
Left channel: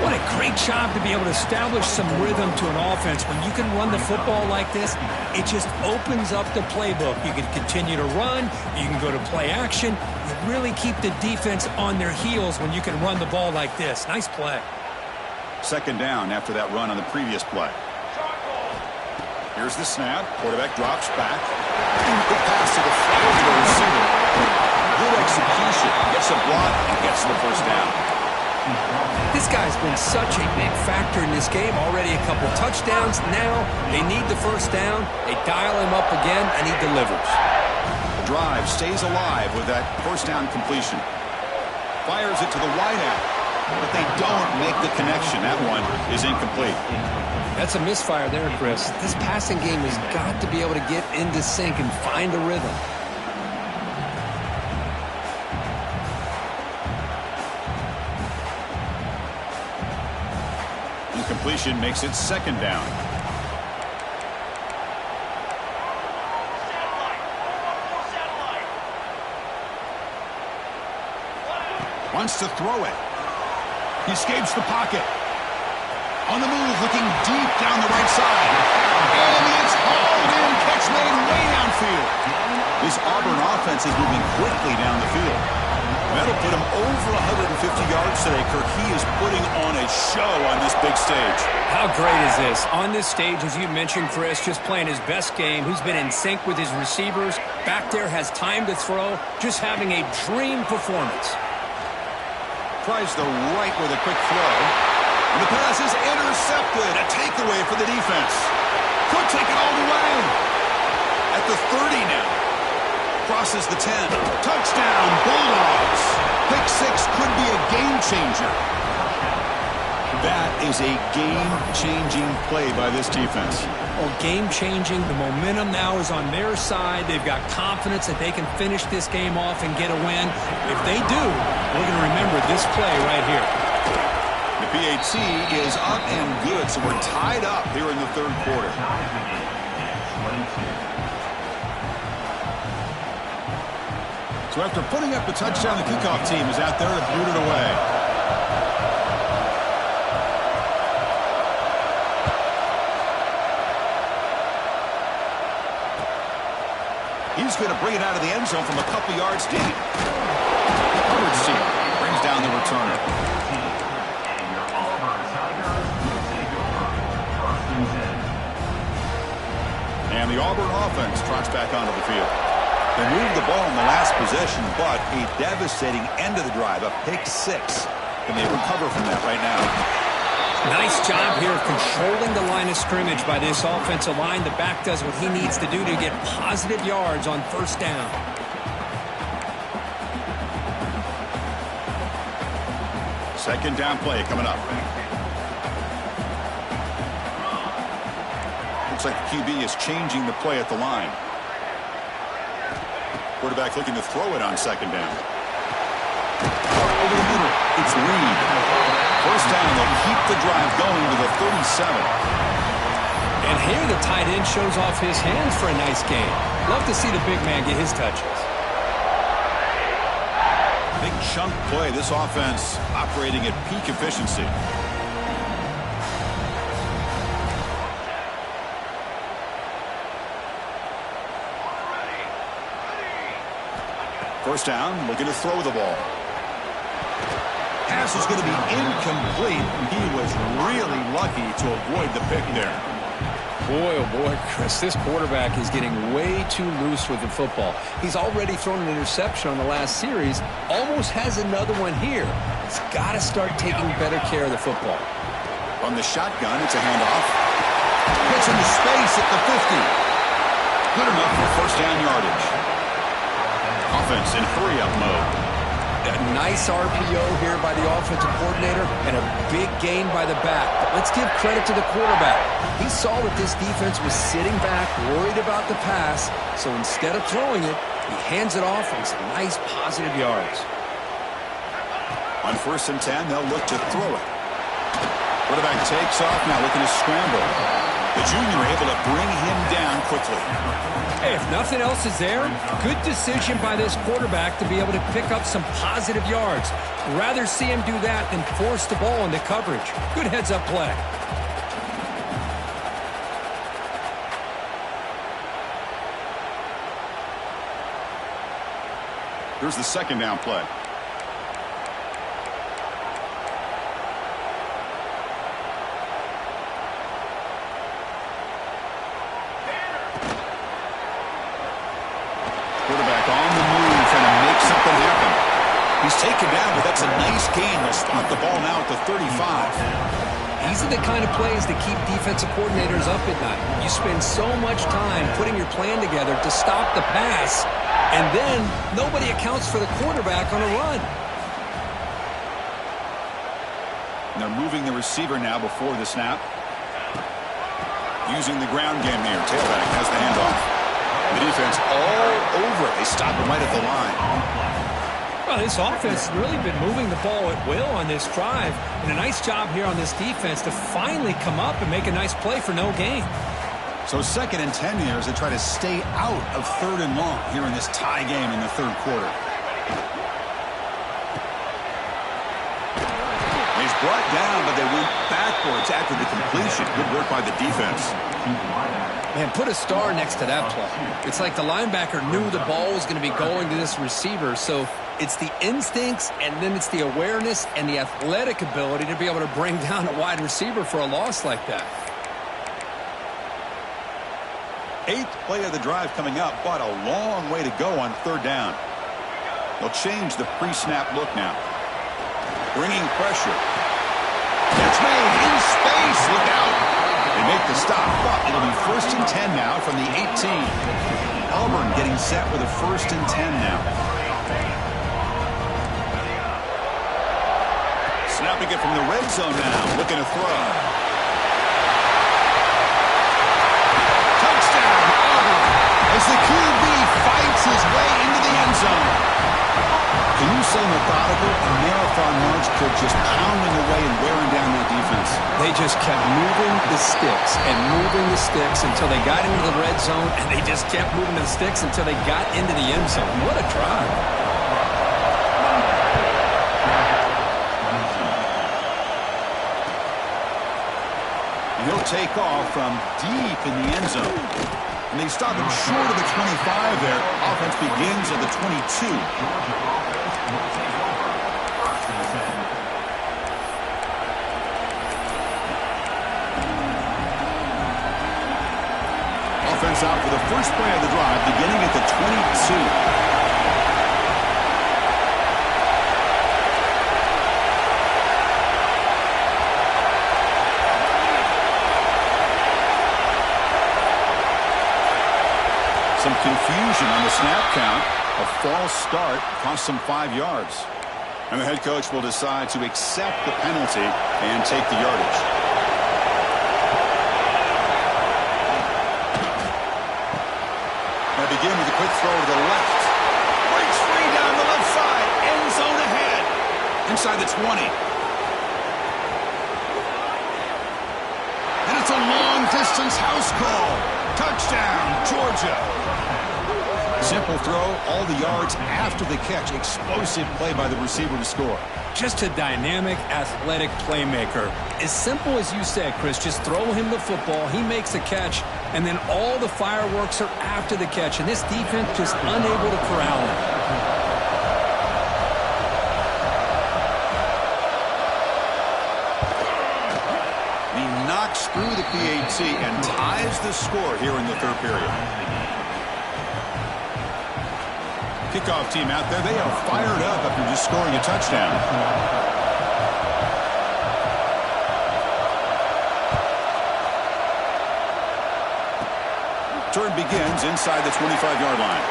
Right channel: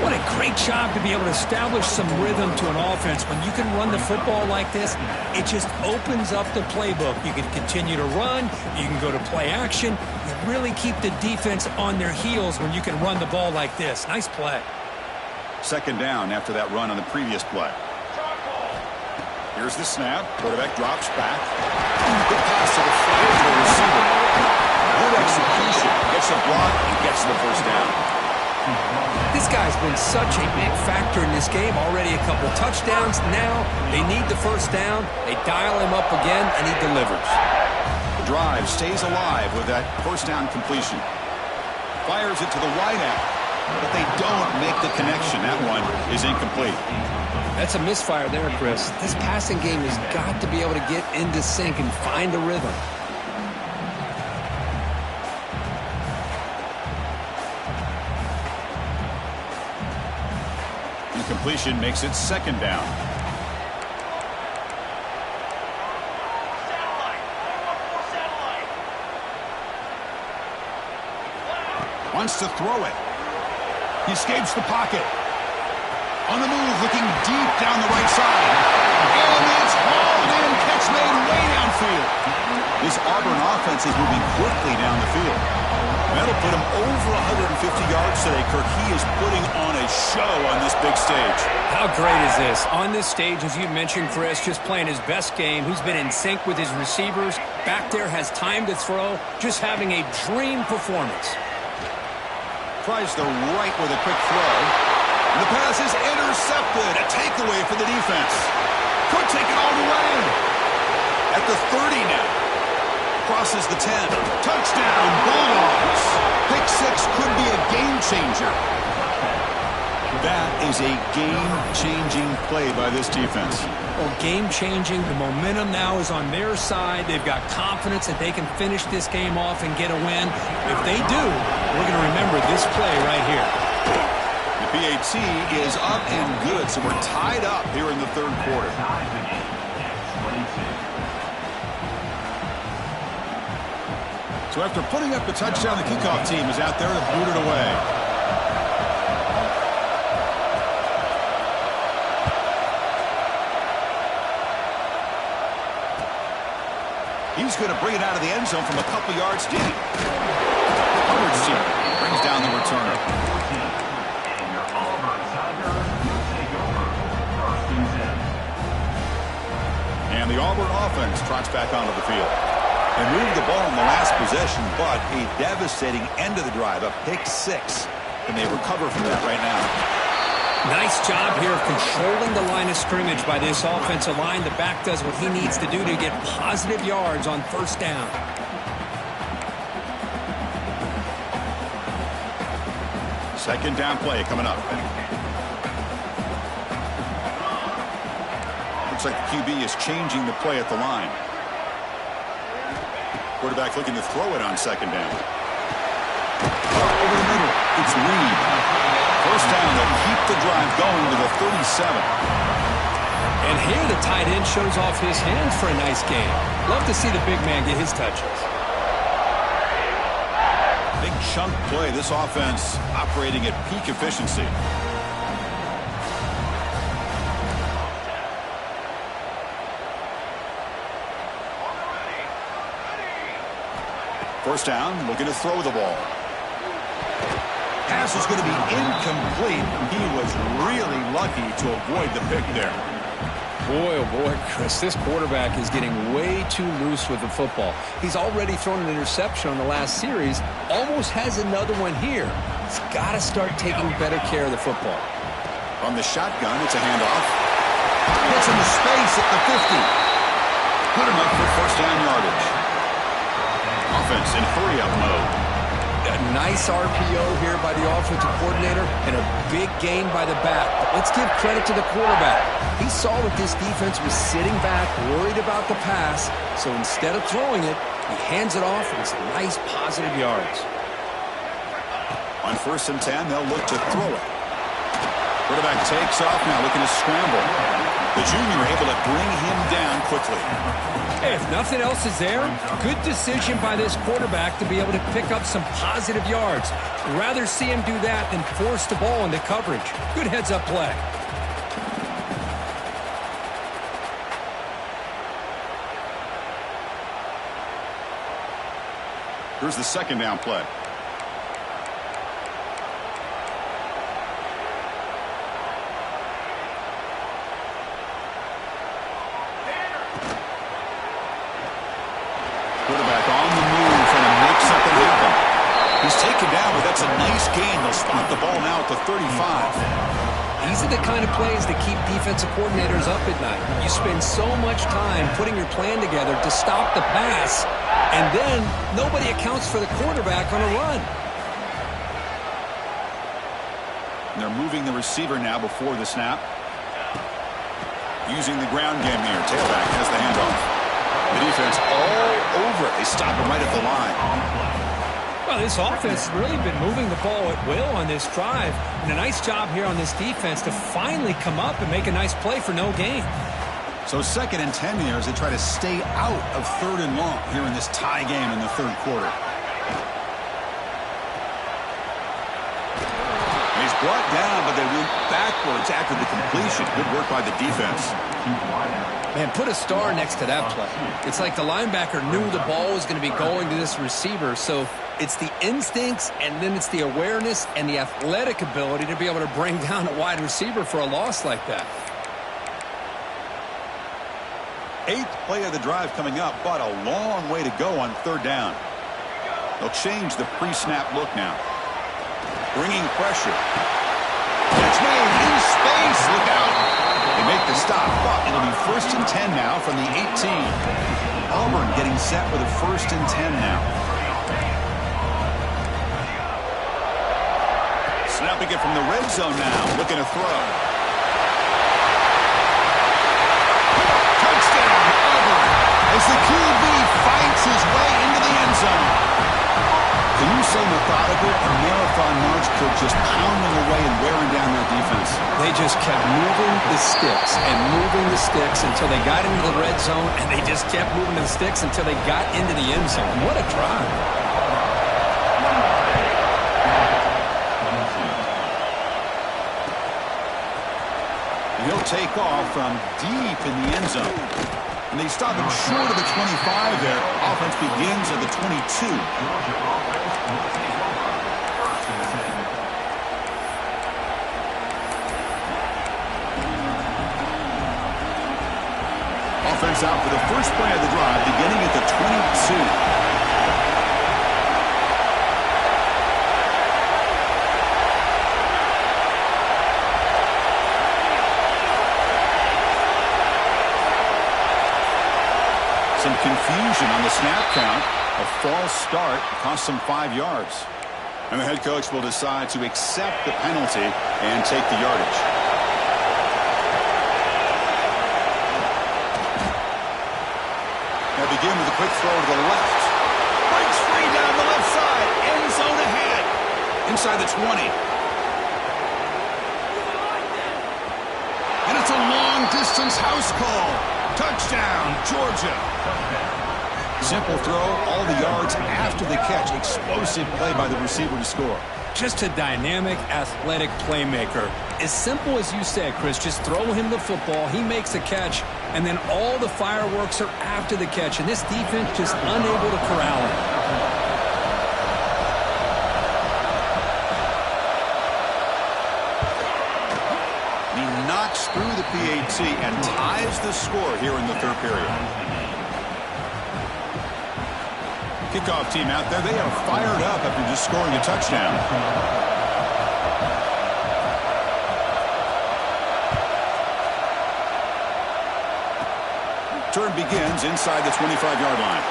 What a great job to be able to establish some rhythm to an offense. When you can run the football like this, it just opens up the playbook. You can continue to run. You can go to play action. You really keep the defense on their heels when you can run the ball like this. Nice play. Second down after that run on the previous play. Here's the snap. Quarterback drops back. Good pass to the flat to the receiver. Good execution. Gets a block and gets the first down. This guy's been such a big factor in this game. Already a couple touchdowns. Now they need the first down. They dial him up again, and he delivers. The drive stays alive with that first down completion. Fires it to the wideout, but they don't make the connection. That one is incomplete. That's a misfire there, Chris. This passing game has got to be able to get into sync and find a rhythm. Incompletion makes it second down. Wants to throw it. He escapes the pocket. On the move, looking deep down the right side. And it's hauled in. Catch made way downfield. This Auburn offense is moving quickly down the field. That'll put him over 150 yards today, Kirk. He is putting on a show on this big stage. How great is this? On this stage, as you mentioned, Chris, just playing his best game. He's been in sync with his receivers. Back there, has time to throw. Just having a dream performance. Tries the right with a quick throw. And the pass is intercepted. A takeaway for the defense. Could take it all the way. At the 30 now. Crosses the 10. Touchdown, Bulldogs. Pick 6 could be a game changer. That is a game-changing play by this defense. Well, game-changing. The momentum now is on their side. They've got confidence that they can finish this game off and get a win. If they do, we're going to remember this play right here. The PAT is up and good, so we're tied up here in the third quarter. So after putting up a touchdown, the kickoff team is out there to boot it away. He's going to bring it out of the end zone from a couple yards deep. Hubbard's team brings down the returner. And your Auburn Tigers will take over. 1st and 10. And the Auburn offense trots back onto the field. They moved the ball in the last possession, but a devastating end of the drive, a pick six. And they recover from that right now. Nice job here of controlling the line of scrimmage by this offensive line. The back does what he needs to do to get positive yards on first down. Second down play coming up. Looks like the QB is changing the play at the line. Quarterback looking to throw it on second down. Over the middle, it's Reed. First down, they'll keep the drive going to the 37. And here the tight end shows off his hands for a nice gain. Love to see the big man get his touches. Big chunk play. This offense operating at peak efficiency. First down, looking to throw the ball. Pass is going to be incomplete. He was really lucky to avoid the pick there. Boy, oh boy, Chris, this quarterback is getting way too loose with the football. He's already thrown an interception on the last series, almost has another one here. He's got to start taking better care of the football. From the shotgun, it's a handoff. Gets into space at the 50. Good enough for first down yardage. Offense in hurry-up mode. A nice RPO here by the offensive coordinator and a big gain by the back. But let's give credit to the quarterback. He saw that this defense was sitting back, worried about the pass. So instead of throwing it, he hands it off and some nice positive yards. On first and 10, they'll look to throw it. Quarterback takes off now, looking to scramble. The junior able to bring him down quickly. Hey, if nothing else is there, good decision by this quarterback to be able to pick up some positive yards. Rather see him do that than force the ball into coverage. Good heads-up play. Here's the second down play. Quarterback on the move, trying to make something happen. He's taken down, but that's a nice gain. They'll spot the ball now at the 35. These are the kind of plays that keep defensive coordinators up at night. You spend so much time putting your plan together to stop the pass, and then nobody accounts for the quarterback on a run. And they're moving the receiver now before the snap. Using the ground game here. Tailback has the handoff. The defense all over it. They stop him right at the line. Well, this offense has really been moving the ball at will on this drive. And a nice job here on this defense to finally come up and make a nice play for no gain. So second and 10 here as they try to stay out of third and long here in this tie game in the third quarter. He's brought down, but they went backwards after the completion. Good work by the defense. Man, put a star next to that play. It's like the linebacker knew the ball was going to be going to this receiver, so it's the instincts and then it's the awareness and the athletic ability to be able to bring down a wide receiver for a loss like that. Eighth play of the drive coming up, but a long way to go on third down. They'll change the pre-snap look now. Bringing pressure. Catch made in space. Look out. They make the stop, but it'll be first and 10 now from the 18. Auburn getting set with a first and 10 now. Snapping it from the red zone now. Looking to throw. Touchdown, Auburn, as the QB fights his way into the end zone. Can you say methodical? A marathon march took just pounding away and wearing down that defense. They just kept moving the sticks and moving the sticks until they got into the red zone, and they just kept moving the sticks until they got into the end zone. What a drive. And he'll take off from deep in the end zone. And they stop him short of the 25 there. Offense begins at the 22. offense out for the first play of the drive, beginning at the 22. Some confusion on the snap count. A false start cost them 5 yards. And the head coach will decide to accept the penalty and take the yardage. Now begin with a quick throw to the left. Breaks free down the left side. End zone ahead. Inside the 20. And it's a long-distance house call. Touchdown, Georgia. Simple throw, all the yards after the catch. Explosive play by the receiver to score. Just a dynamic, athletic playmaker. As simple as you said, Chris, just throw him the football, he makes a catch, and then all the fireworks are after the catch, and this defense just unable to corral him. He knocks through the PAT and ties the score here in the third period. Kickoff team out there, they are fired up after just scoring a touchdown. Turn begins inside the 25-yard line.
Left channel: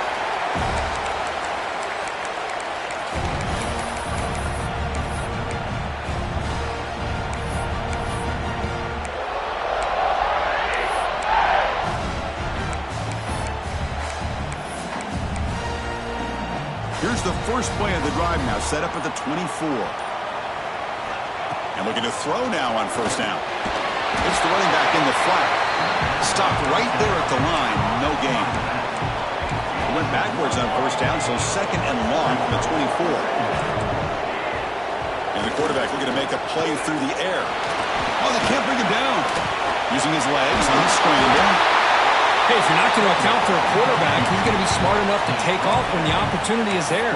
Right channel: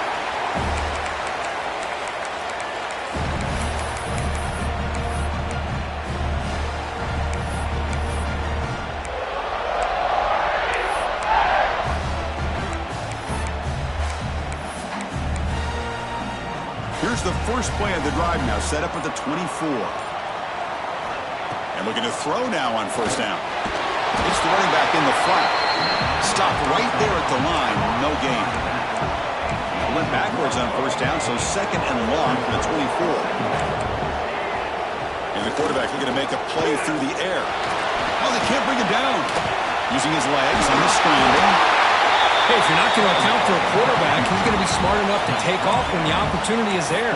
Here's the first play of the drive now, set up at the 24. And looking to throw now on first down. It's the running back in the flat. Stopped right there at the line, no gain. It went backwards on first down, so second and long from the 24. And the quarterback looking to make a play through the air. Oh, they can't bring him down. Using his legs on the scramble. Hey, if you're not going to account for a quarterback, he's going to be smart enough to take off when the opportunity is there.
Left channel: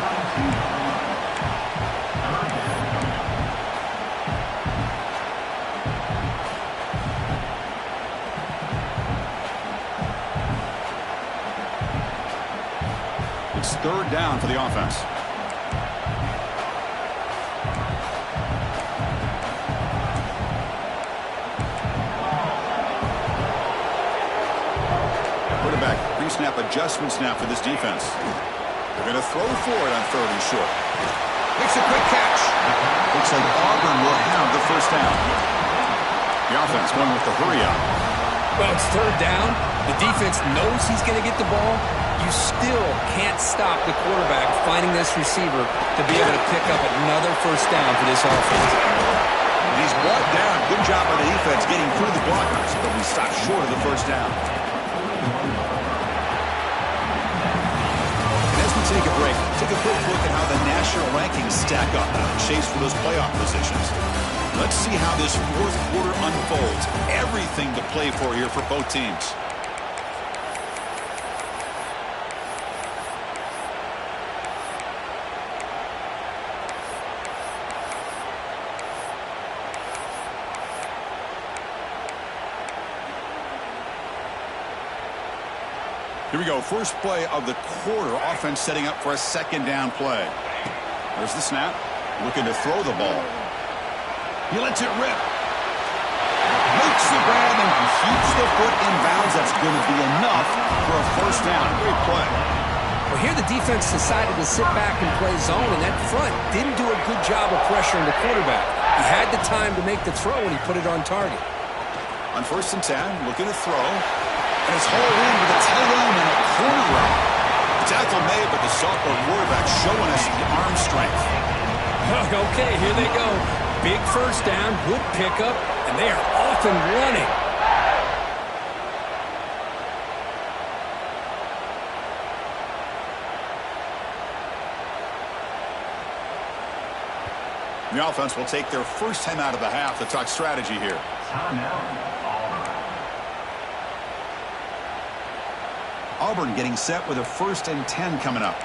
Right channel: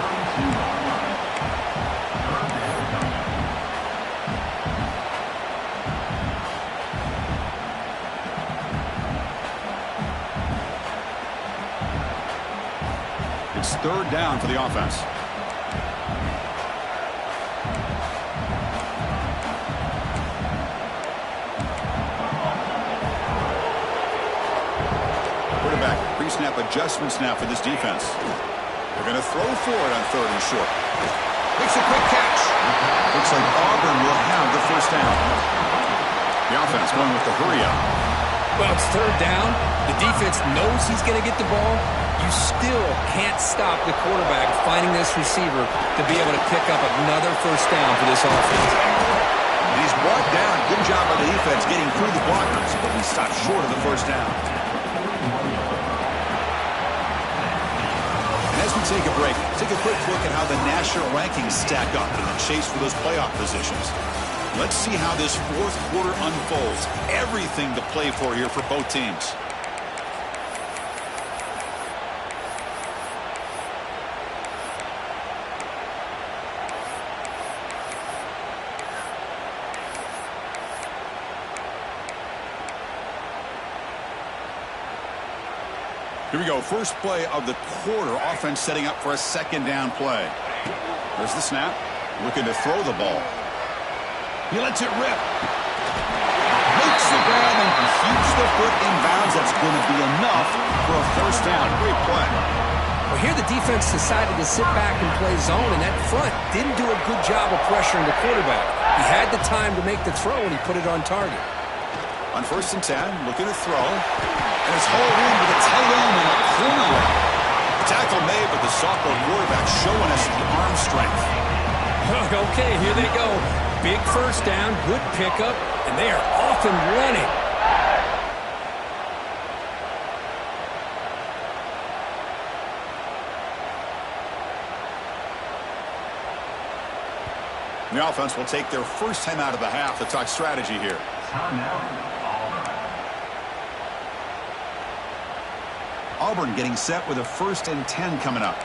It's third down for the offense. Quarterback pre-snap adjustments now for this defense. They're going to throw for it on third and short. Makes a quick catch. Looks like Auburn will have the first down. The offense going with the hurry up. Well, it's third down. The defense knows he's going to get the ball. You still can't stop the quarterback finding this receiver to be able to pick up another first down for this offense. And he's brought down. Good job by the defense getting through the blockers, but we stopped short of the first down. And as we take a break, take a quick look at how the national rankings stack up in the chase for those playoff positions. Let's see how this fourth quarter unfolds. Everything to play for here for both teams. Here we go. First play of the quarter. Offense setting up for a second down play. There's the snap. Looking to throw the ball. He lets it rip. Makes the grab and keeps the foot in bounds. That's going to be enough for a first down. Great play. Well, here the defense decided to sit back and play zone, and that front didn't do a good job of pressuring the quarterback. He had the time to make the throw, and he put it on target. On first and 10, looking to throw. And it's hauled in with a tight end and a corner route. The tackle made, but the sophomore quarterback showing us the arm strength. Okay, here they go. Big first down, good pickup, and they are off and running. The offense will take their first time out of the half to talk strategy here. Auburn getting set with a first and 10 coming up.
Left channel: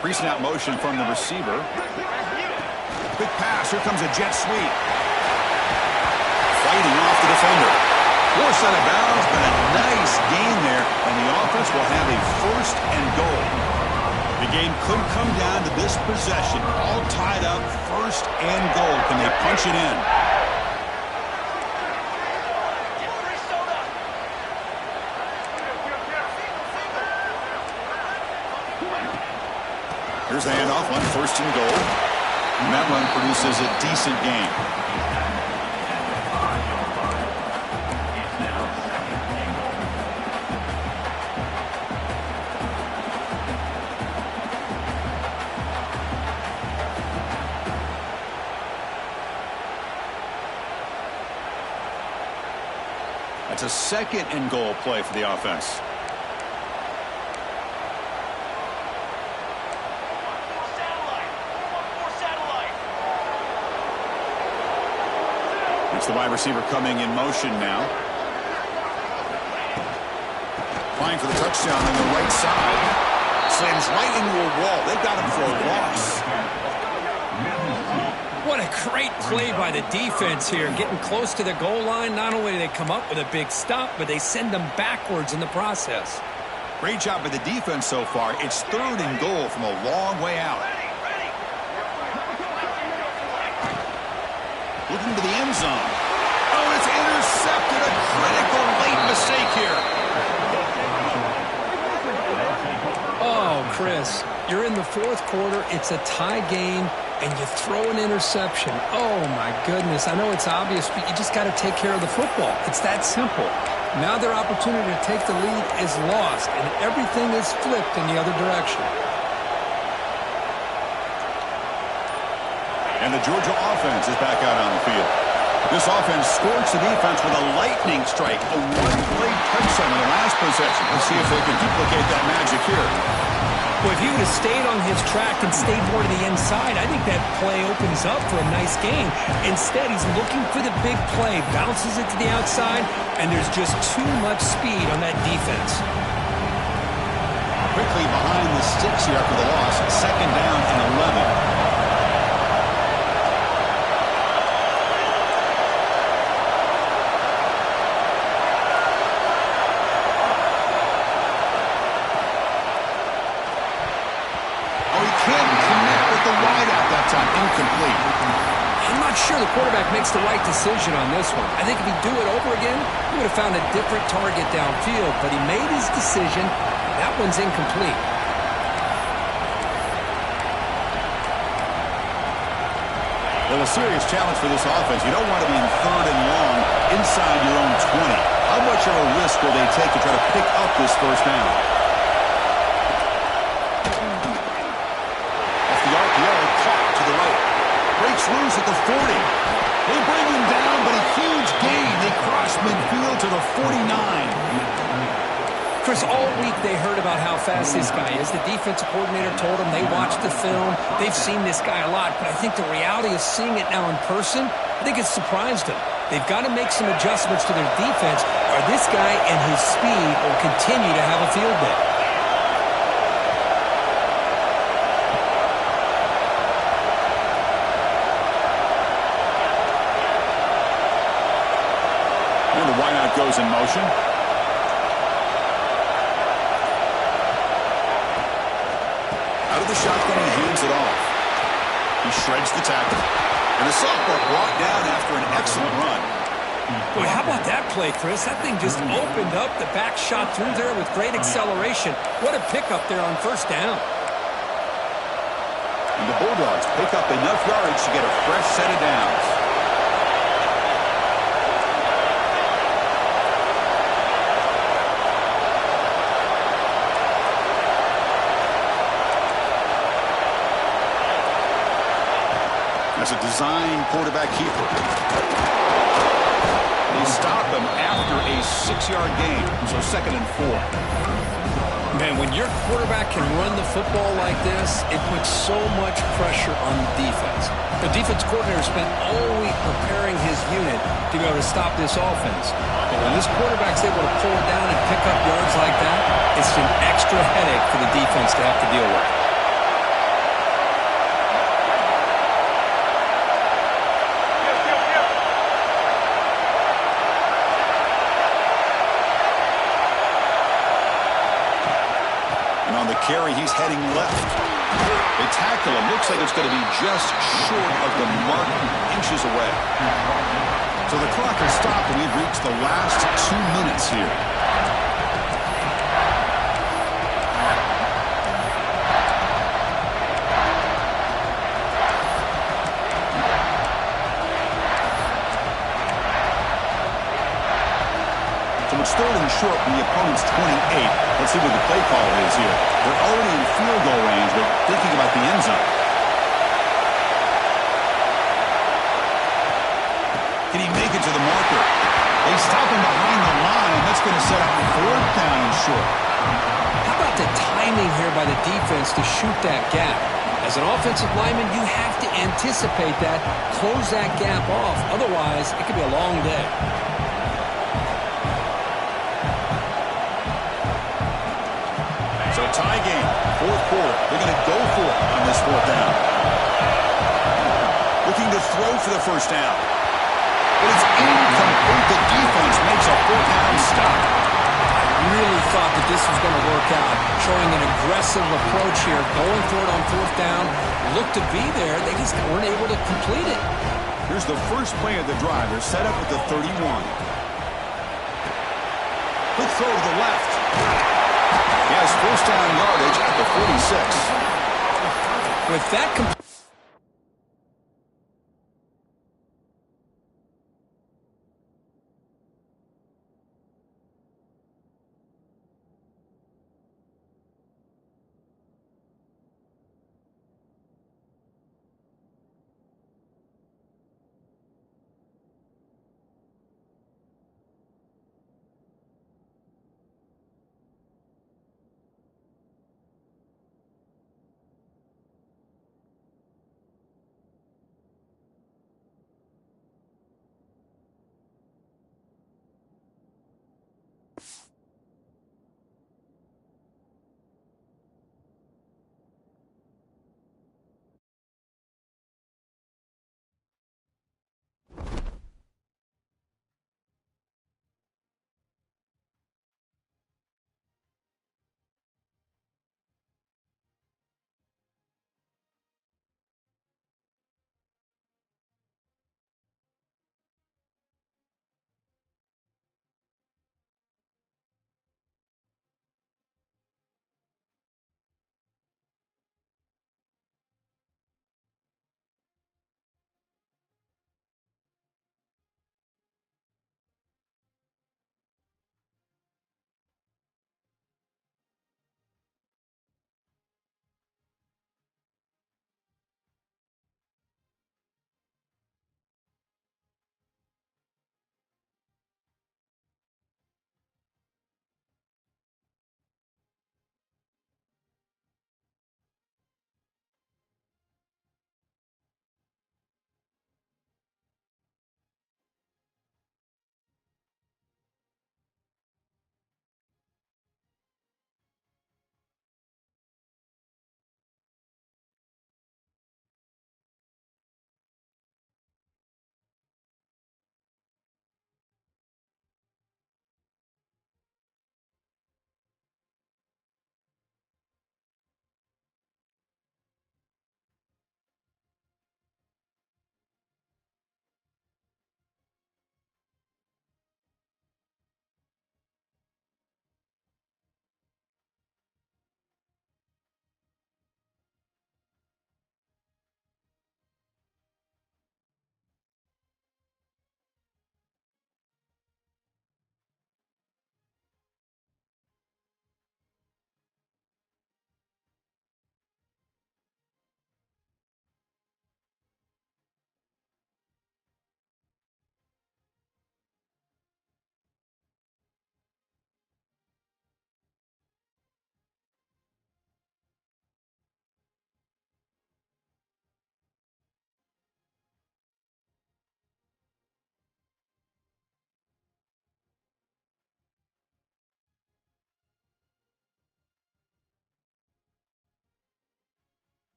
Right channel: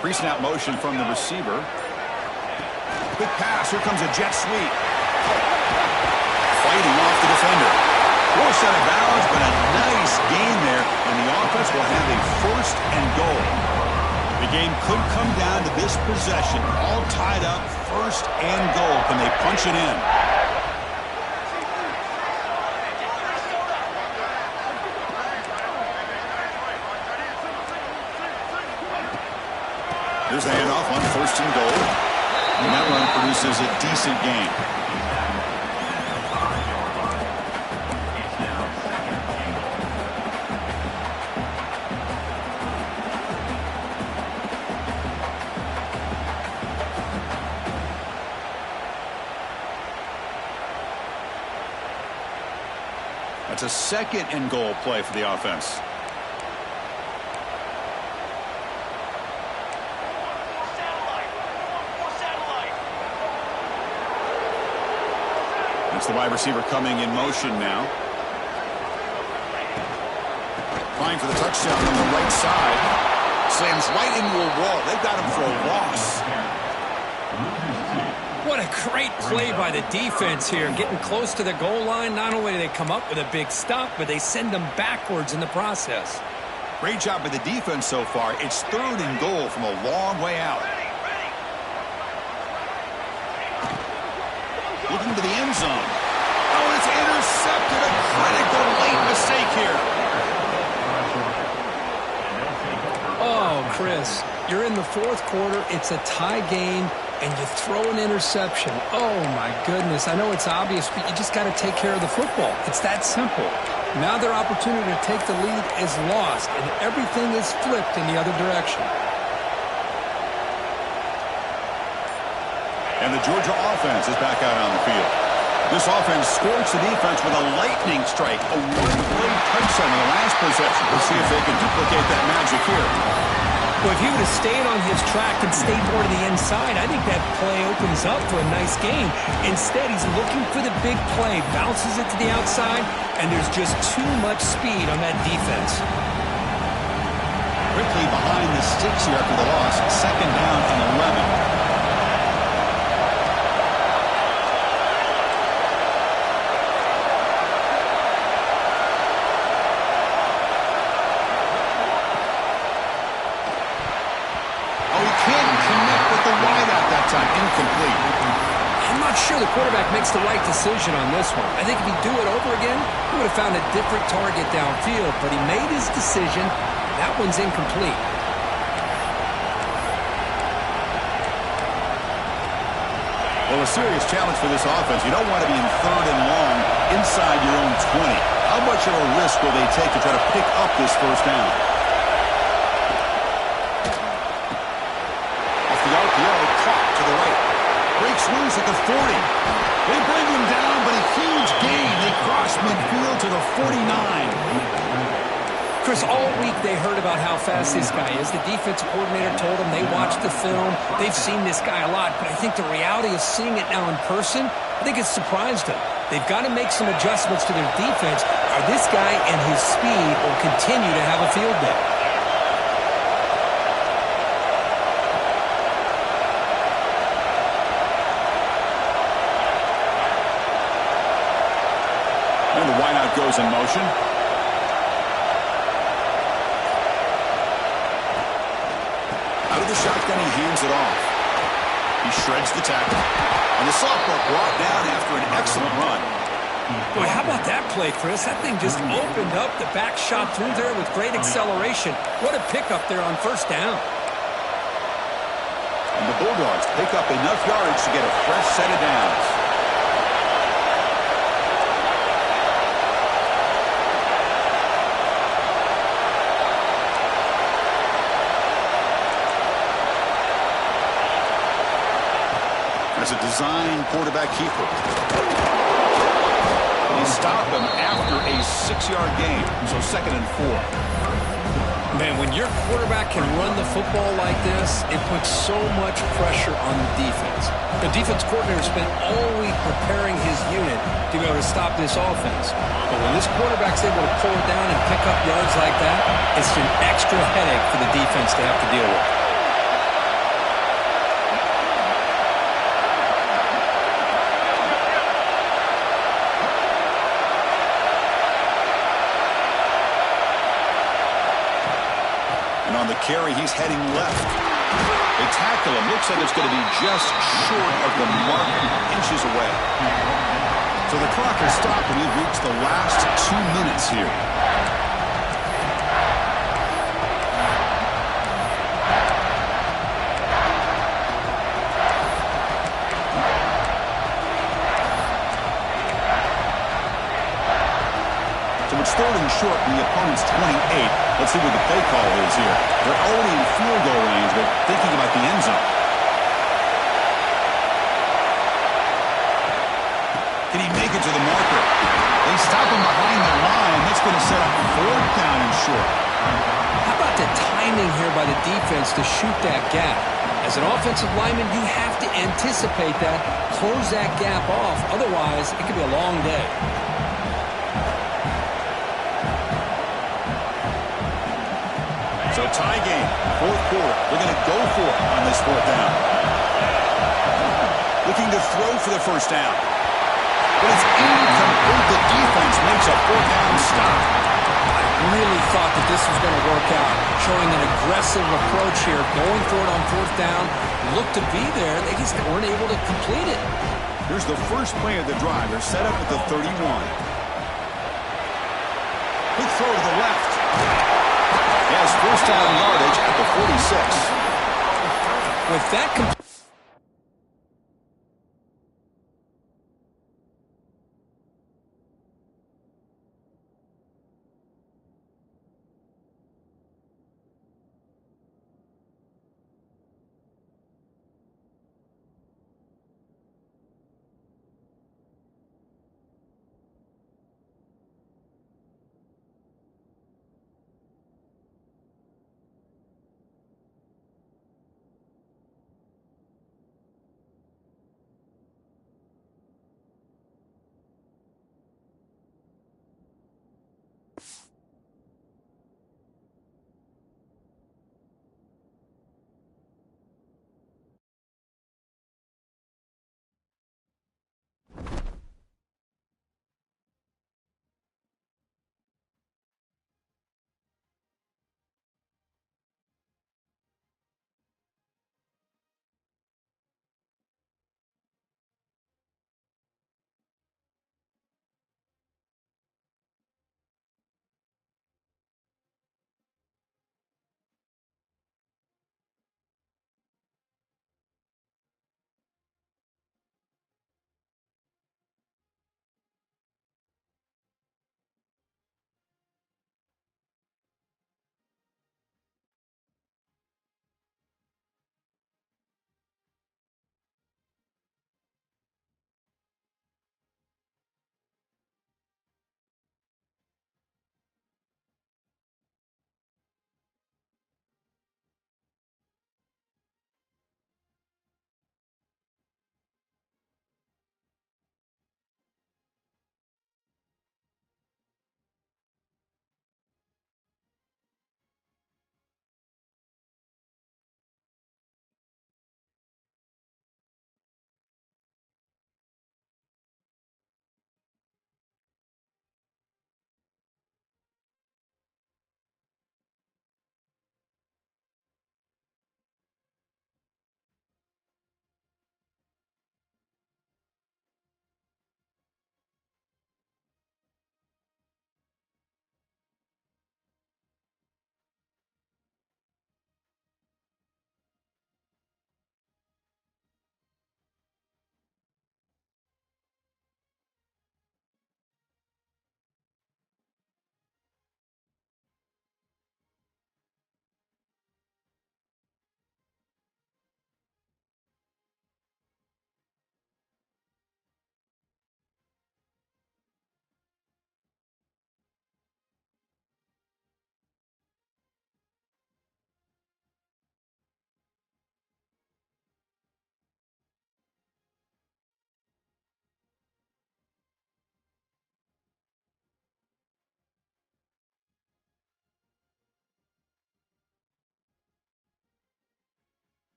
Pre-snap motion from the receiver. Quick pass. Here comes a jet sweep. Fighting off the defender. Forced out of bounds, but a nice gain there, and the offense will have a 1st and goal. The game could come down to this possession. All tied up, 1st and goal. Can they punch it in? Here's a handoff on 1st and goal. And that run produces a decent gain. That's a 2nd and goal play for the offense. It's the wide receiver coming in motion now. Applying for the touchdown on the right side. Slams right into a wall. They've got him for a loss. What a great play by the defense here. Getting close to the goal line, not only do they come up with a big stop, but they send them backwards in the process. Great job by the defense so far. It's 3rd and goal from a long way out. Looking to the end zone. Oh, it's intercepted. A critical late mistake here. Oh, Chris, you're in the 4th quarter. It's a tie game, and you throw an interception. Oh, my goodness. I know it's obvious, but you just got to take care of the football. It's that simple. Now their opportunity to take the lead is lost, and everything is flipped in the other direction. And the Georgia offense is back out on the field. This offense scorched the defense with a lightning strike. A 1-play touchdown in the last possession. Let's see if they can duplicate that magic here. Well, if he would have stayed on his track and stayed more to the inside, I think that play opens up for a nice game. Instead, he's looking for the big play, bounces it to the outside, and there's just too much speed on that defense. Quickly behind the sticks here after the loss. 2nd down and 11. Can't connect with the wideout that time. Incomplete. I'm not sure the quarterback makes the right decision on this one. I think if he'd do it over again, he would have found a different target downfield, but he made his decision. That one's incomplete. Well, a serious challenge for this offense. You don't want to be in 3rd and long inside your own 20. How much of a risk will they take to try to pick up this 1st down? The RPO caught to the right. Breaks loose at the 40. They bring him down, but a huge gain. They cross midfield to the 49. Chris, all week they heard about how fast this guy is. The defensive coordinator told them they watched the film. They've seen this guy a lot, but I think the reality of seeing it now in person, I think it's surprised them. They've got to make some adjustments to their defense, or this guy and his speed will continue to have a field day. And the wideout goes in motion. Out of the shotgun, he hands it off. He shreds the tackle. And the sophomore brought down after an excellent run. Boy, how about that play, Chris? That thing just opened up. The back shot through there with great acceleration. What a pickup there on 1st down. And the Bulldogs pick up enough yardage to get a fresh set of downs. As a design quarterback keeper. They stop him after a 6-yard gain, so 2nd and 4. Man, when your quarterback can run the football like this, it puts so much pressure on the defense. The defense coordinator spent all week preparing his unit to be able to stop this offense. But when this quarterback's able to pull it down and pick up yards like that, it's an extra headache for the defense to have to deal with. the carry. He's heading left. They tackle him. Looks like it's going to be just short of the mark, inches away. So the clock has stopped, and we've reached the last 2 minutes here. So it's 3rd and short from the opponent's 28. Let's see what the play call is here. They're already in field goal range, but thinking about the end zone. Can he make it to the marker? They stop him behind the line. That's going to set up 4th down and short. How about the timing here by the defense to shoot that gap? As an offensive lineman, you have to anticipate that, close that gap off. Otherwise, it could be a long day. So tie game, 4th quarter. They're going to go for it on this 4th down. Looking to throw for the 1st down. But it's incomplete. The defense makes a 4th down stop. I really thought that this was going to work out, showing an aggressive approach here, going for it on 4th down. Looked to be there. They just weren't able to complete it. Here's the first play of the drive. They're set up at the 31. Quick throw to the left. He has 1st down yardage at the 46. With that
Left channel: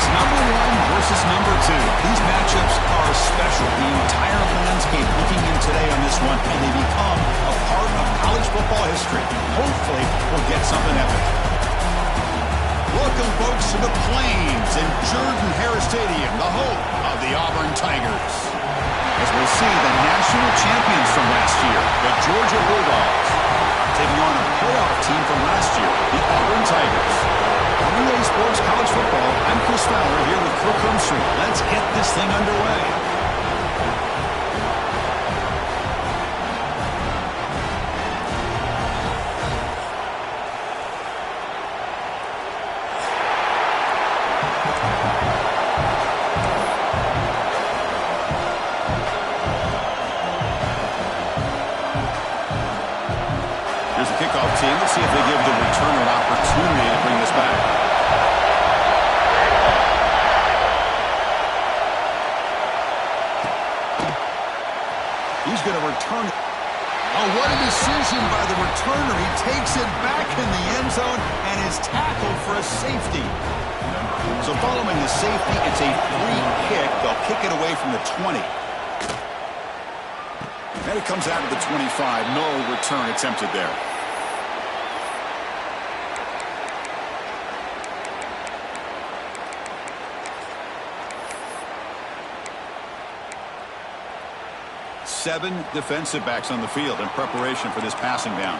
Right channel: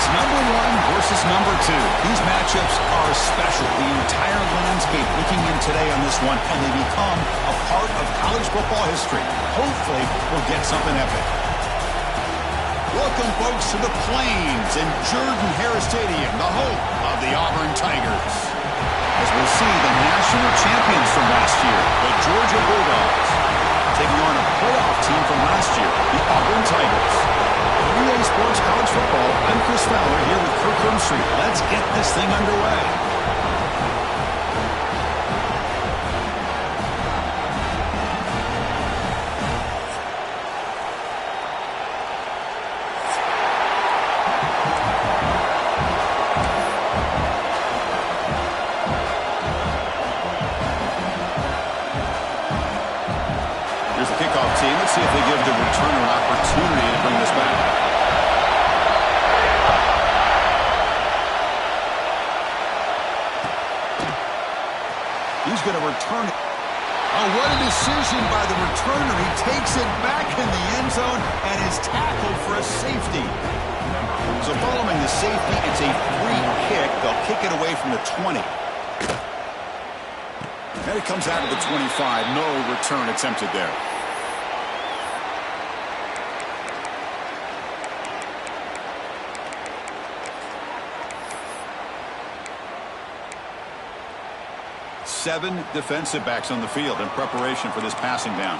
It's number 1 versus number 2. These matchups are special. The entire landscape looking in today on this one, and they become a part of college football history. Hopefully, we'll get something epic. Welcome, folks, to the Plains and Jordan-Hare Stadium, the home of the Auburn Tigers. As we'll see, the national champions from last year, the Georgia Bulldogs, taking on a playoff team from last year, the Auburn Tigers. 3A Sports College Football, I'm Chris Fowler here with Kirk Hermstreet. Let's get this thing underway. Here's the kickoff team. Let's see if they give the returner an opportunity to bring this back. He's going to return it. Oh, what a decision by the returner. He takes it back in the end zone and is tackled for a safety. So following the safety, it's a free kick. They'll kick it away from the 20. And it comes out of the 25. No return attempted there. Seven defensive backs on the field in preparation for this passing down.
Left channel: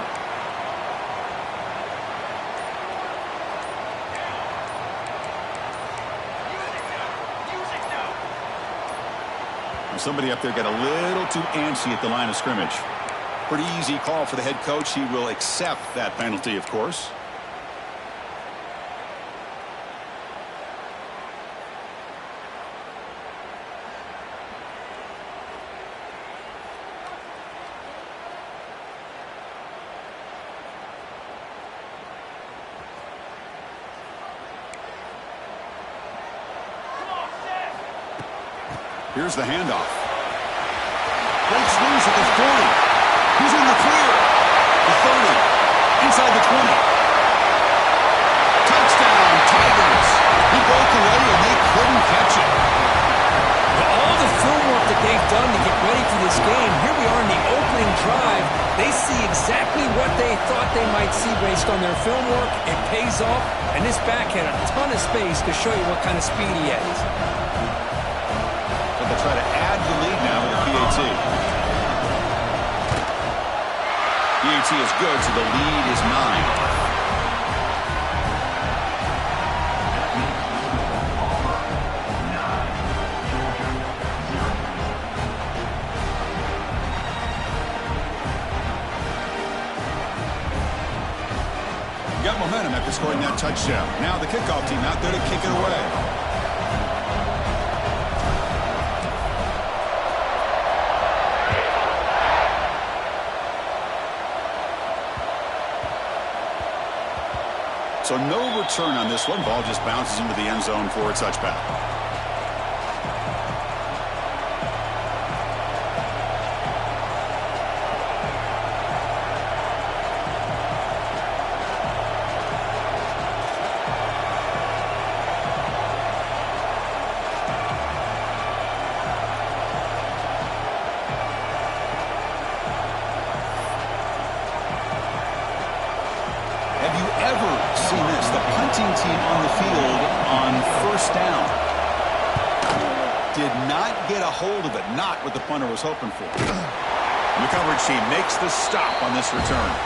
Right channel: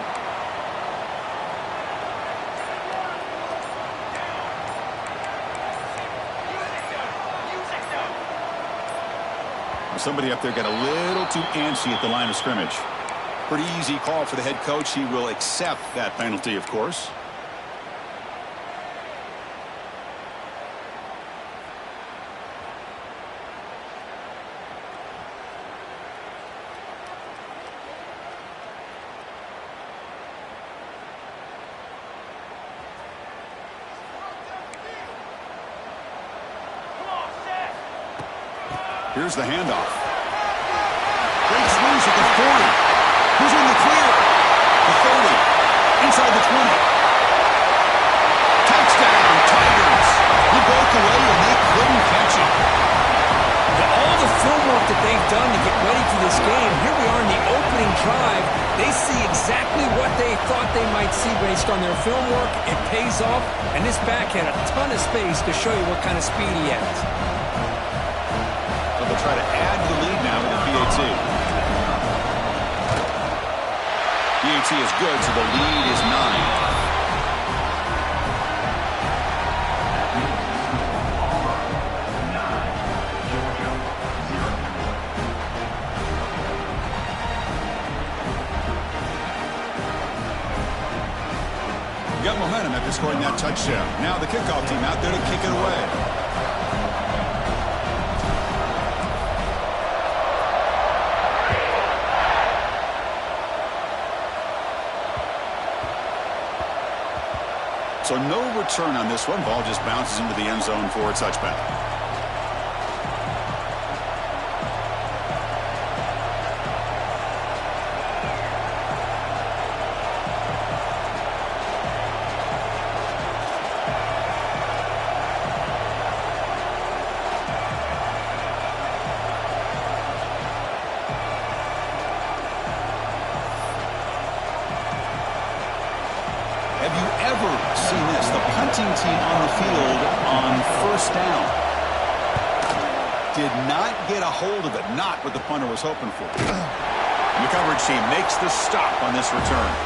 Now somebody up there got a little too antsy at the line of scrimmage. Pretty easy call for the head coach. He will accept that penalty, of course. Here's the handoff. Breaks loose at the 40. Who's in the clear? The 30. Inside the 20. Touchdown, Tigers. He broke away and they couldn't catch it. Well, all the film work that they've done to get ready for this game, here we are in the opening drive. They see exactly what they thought they might see based on their film work. It pays off, and this back had a ton of space to show you what kind of speed he has. So they'll try to add the lead now with a PAT. PAT is good, so the lead is 9. Got momentum after scoring that touchdown. Now the kickoff team out there to kick it away. So no return on this one. Ball just bounces into the end zone for a touchback. Have you ever seen this? The punting team on the field on first down did not get a hold of it. Not what the punter was hoping for. And the coverage team makes the stop on this return.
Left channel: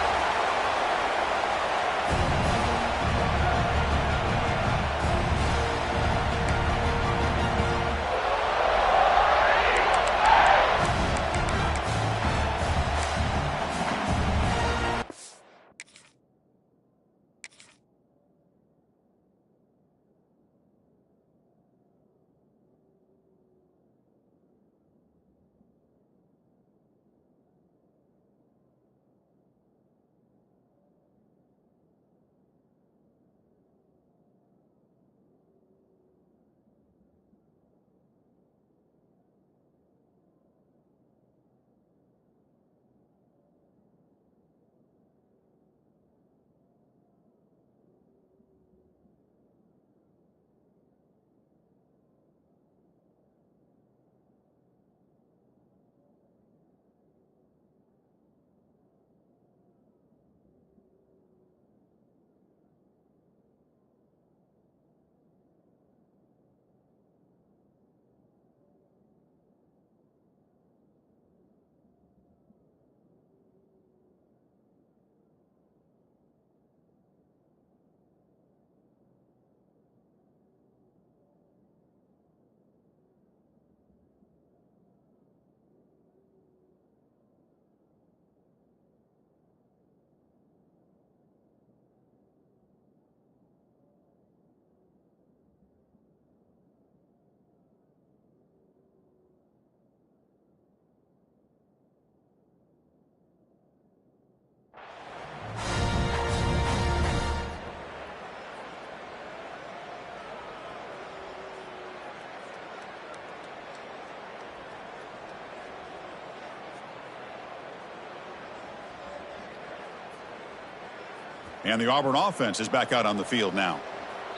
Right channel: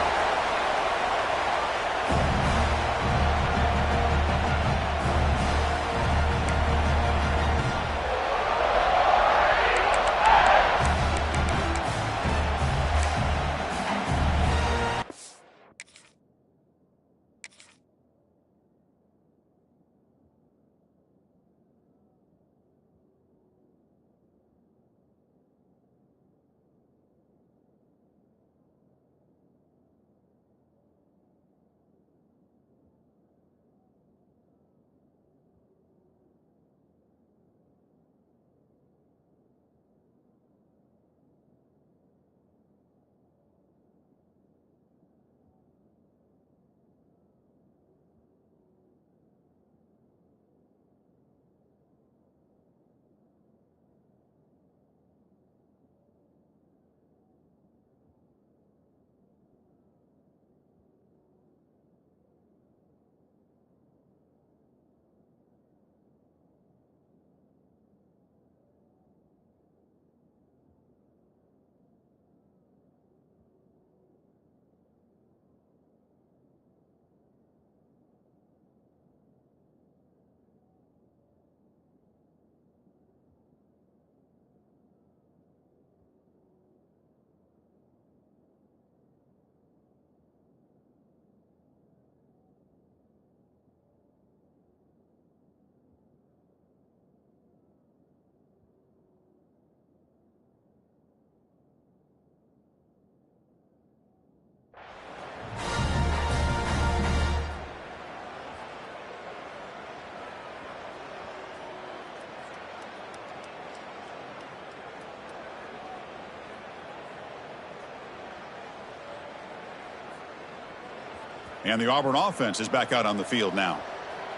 And the Auburn offense is back out on the field now.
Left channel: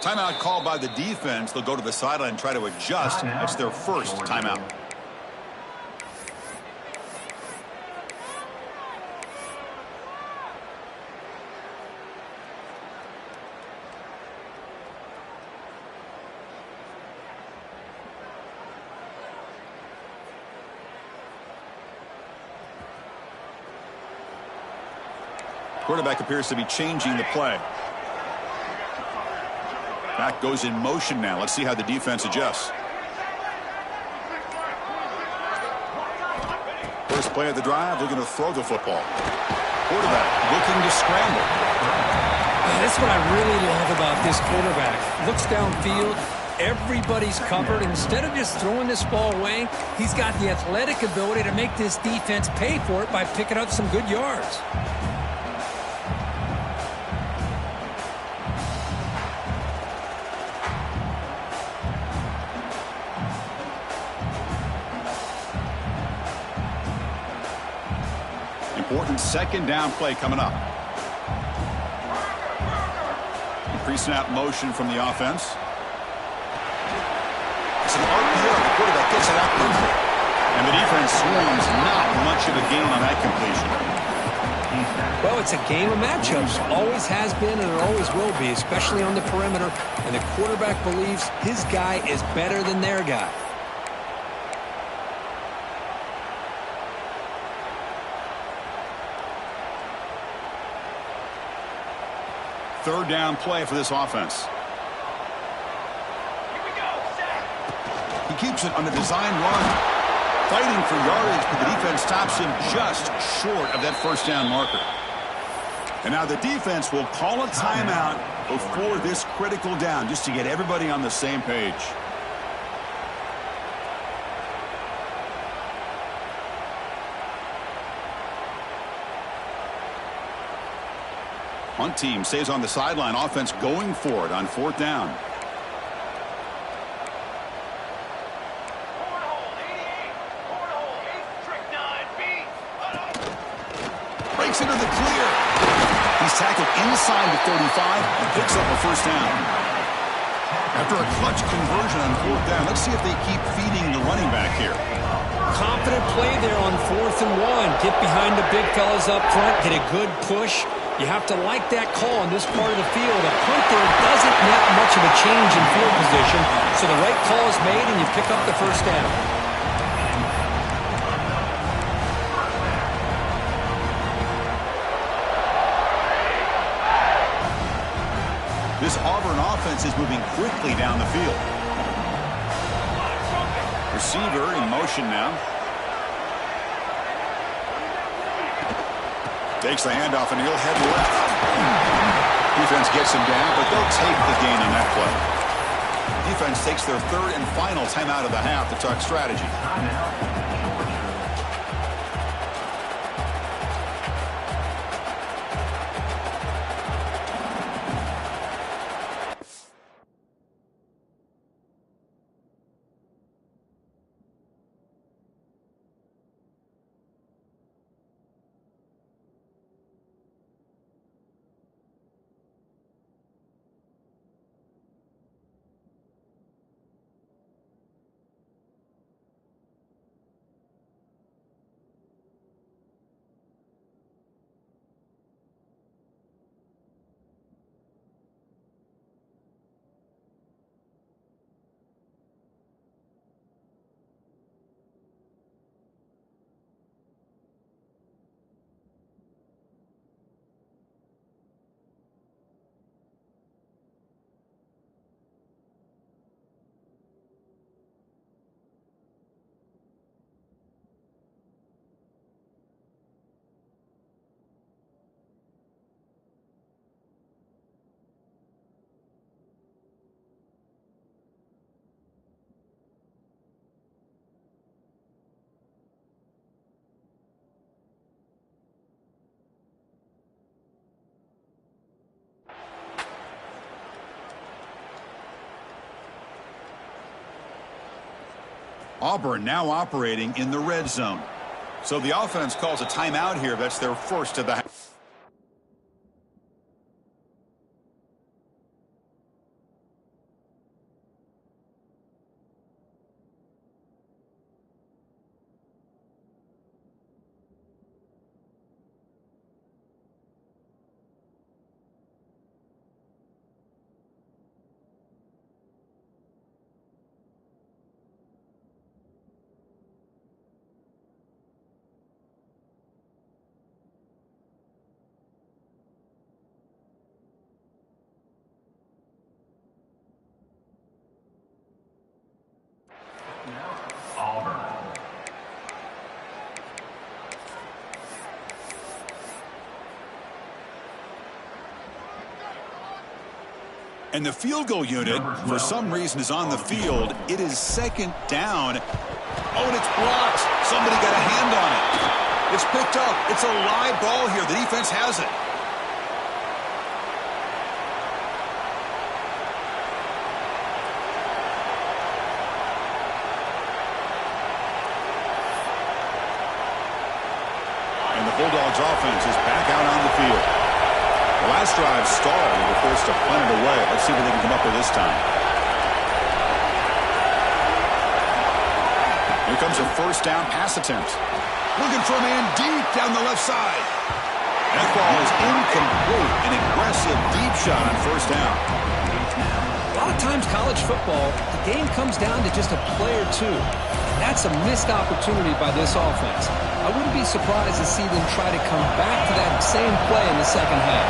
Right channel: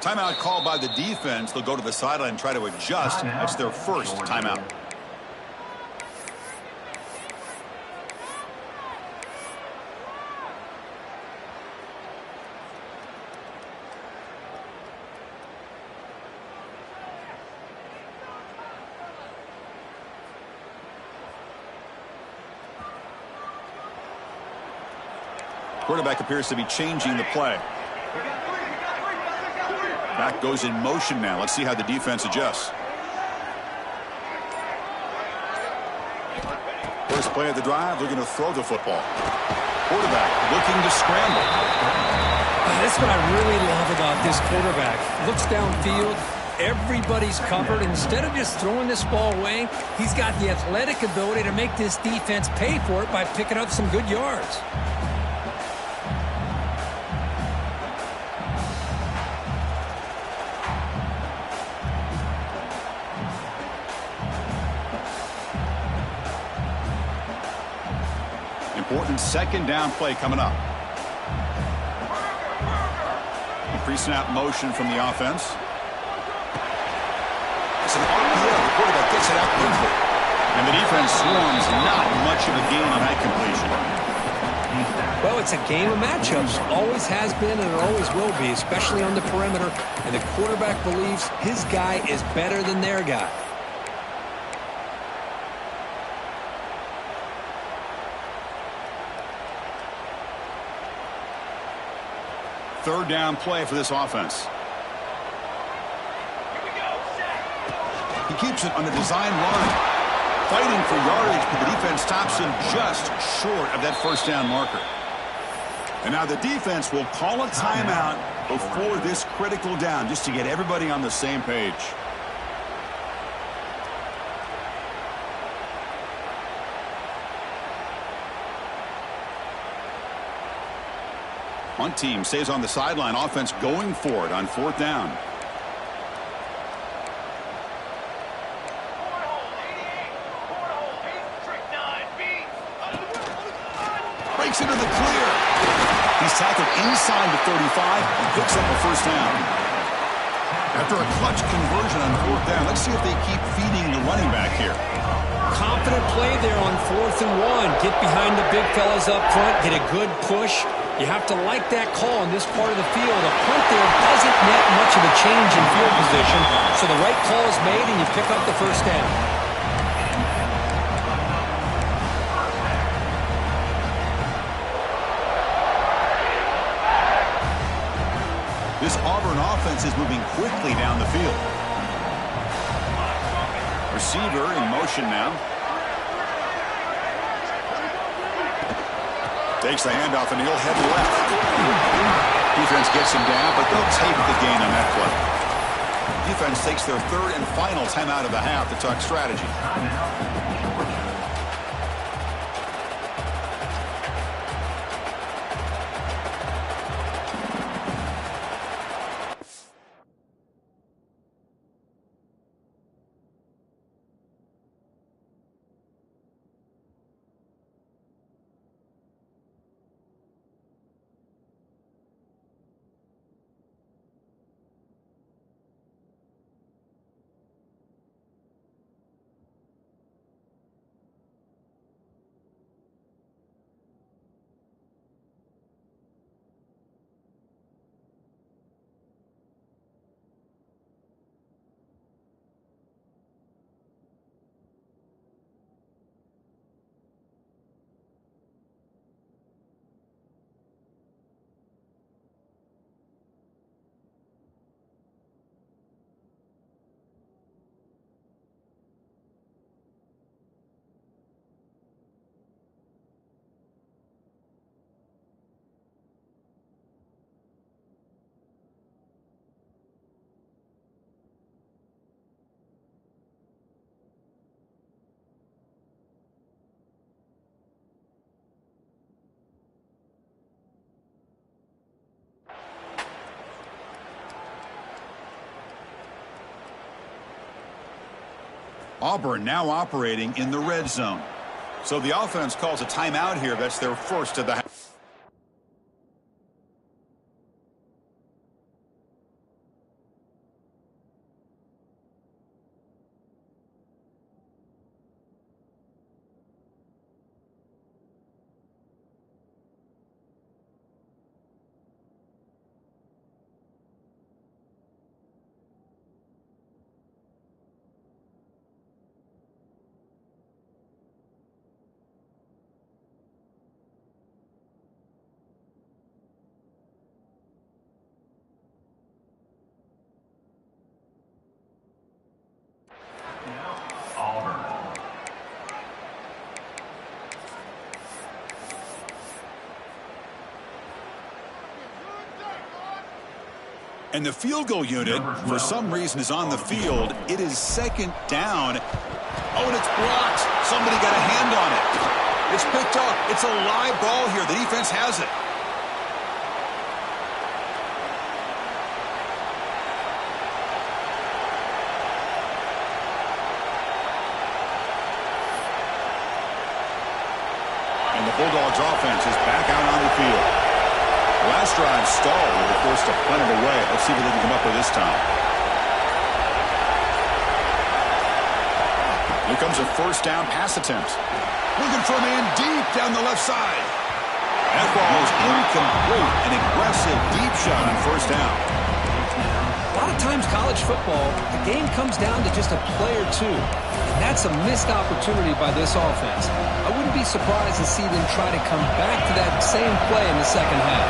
Timeout called by the defense. They'll go to the sideline and try to adjust. That's their first timeout. Quarterback appears to be changing the play. Back goes in motion now. Let's see how the defense adjusts. First play of the drive, they're going to throw the football. Quarterback looking to scramble. That's what I really love about this quarterback. Looks downfield. Everybody's covered. Instead of just throwing this ball away, he's got the athletic ability to make this defense pay for it by picking up some good yards. Important second down play coming up. Increasing out motion from the offense. It's an RPO. The quarterback gets it out quickly. And the defense swarms. Not much of a gain on that completion. Well, it's a game of matchups. Always has been and it always will be, especially on the perimeter. And the quarterback believes his guy is better than their guy. Third down play for this offense. Here we go, set. He keeps it on a design run. Fighting for yardage, but the defense stops him just short of that first down marker. And now the defense will call a timeout before this critical down, just to get everybody on the same page. Punt team stays on the sideline. Offense going for it on fourth down. Cornhole 88. Cornhole 8, trick 9B. Breaks into the clear. He's tackled inside the 35 and picks up a first down. After a clutch conversion on fourth down, let's see if they keep feeding the running back here. Confident play there on 4th and 1. Get behind the big fellas up front. Get a good push. You have to like that call in this part of the field. A punt there doesn't net much of a change in field position, so the right call is made and you pick up the first down. This Auburn offense is moving quickly down the field. Receiver in motion now. Takes the handoff and he'll head left. Defense gets him down, but they'll take the gain on that play. Defense takes their third and final timeout of the half to talk strategy. Timeout, Georgia. Auburn now operating in the red zone. So the offense calls a timeout here. That's their first of the half. And the field goal unit, for some reason, is on the field. It is second down. Oh, and it's blocked. Somebody got a hand on it. It's picked up. It's a live ball here. The defense has it. And the Bulldogs offense is back out on the field. The last drive stalled and were forced to punt it away. Let's see what they can come up with this time. Here comes a first down pass attempt. Looking for a man deep down the left side. That ball is incomplete. An aggressive deep shot on first down. A lot of times college football, the game comes down to just a play or two. And that's a missed opportunity by this offense. I wouldn't be surprised to see them try to come back to that same play in the second half.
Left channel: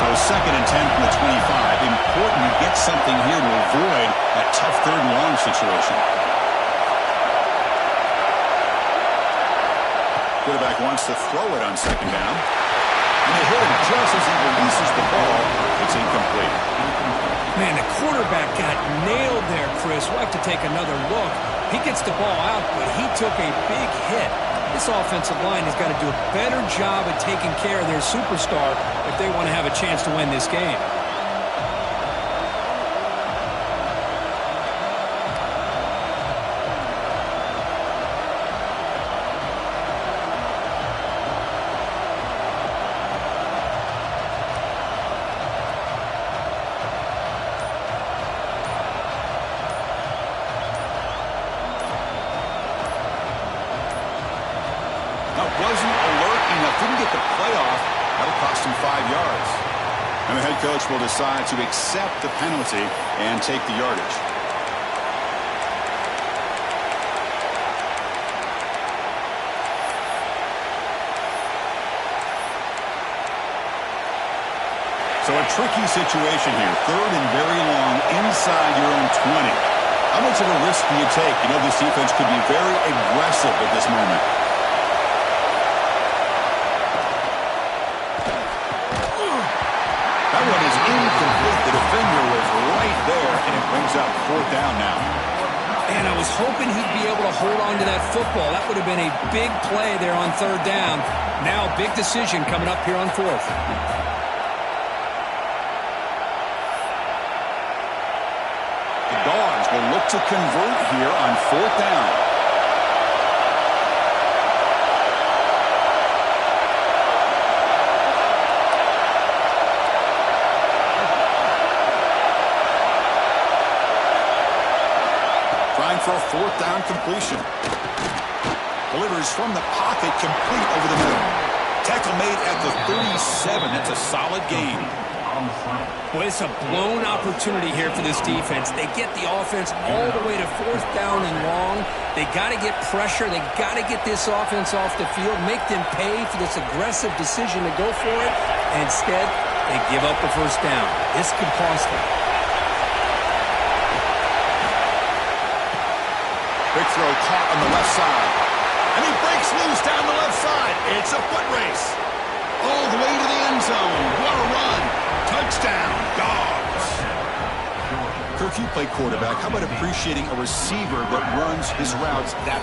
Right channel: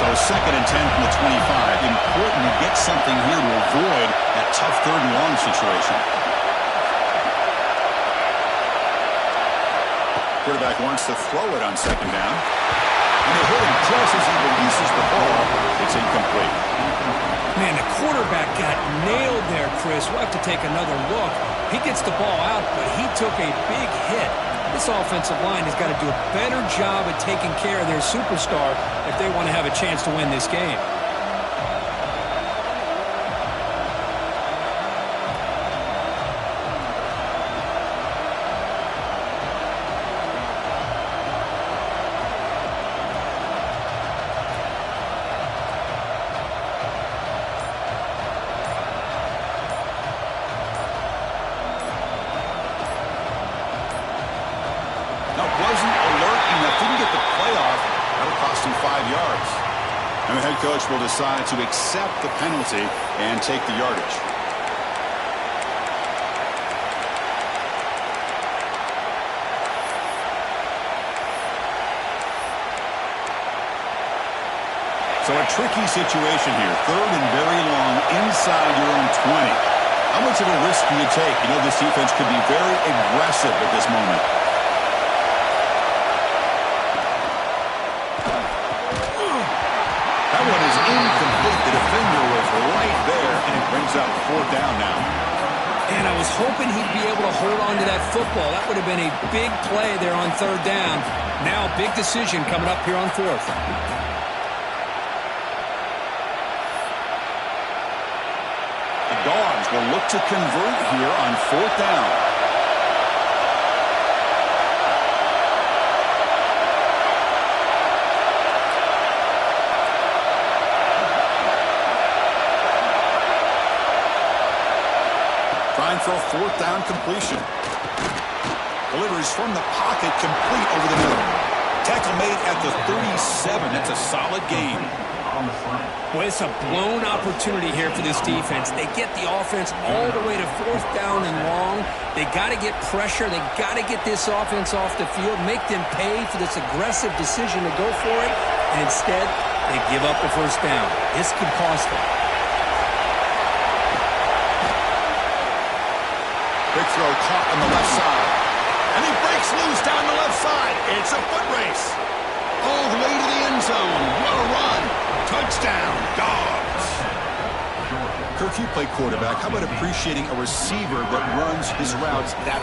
So 2nd and 10 from the 25. Important to get something here to avoid that tough 3rd and long situation. Quarterback wants to throw it on 2nd down. And they hit him just as he releases the ball. It's incomplete. Man, the quarterback got nailed there, Chris. We'll have to take another look. He gets the ball out, but he took a big hit. This offensive line has got to do a better job at taking care of their superstar if they want to have a chance to win this game. Wasn't alert enough, didn't get the playoff. That'll cost him 5 yards. And the head coach will decide to accept the penalty and take the yardage. So a tricky situation here. 3rd and very long inside your own 20. How much of a risk do you take? You know, this defense could be very aggressive at this moment. That one is incomplete. The defender was right there, and it brings up 4th down now. And I was hoping he'd be able to hold on to that football. That would have been a big play there on 3rd down. Now, big decision coming up here on 4th. The Dogs will look to convert here on 4th down. Trying for a 4th down completion. Delivers from the pocket, complete over the middle. Tackle made at the 37. That's a solid gain. Boy, it's a blown opportunity here for this defense. They get the offense all the way to 4th down and long. They got to get pressure. They got to get this offense off the field, make them pay for this aggressive decision to go for it. And instead, they give up the first down. This could cost them. Big throw caught on the left side. And he breaks loose down the left side. It's a foot race. All the way to the end zone. What a run. Touchdown, Dogs. Kirk, you play quarterback. How about appreciating a receiver that runs his routes that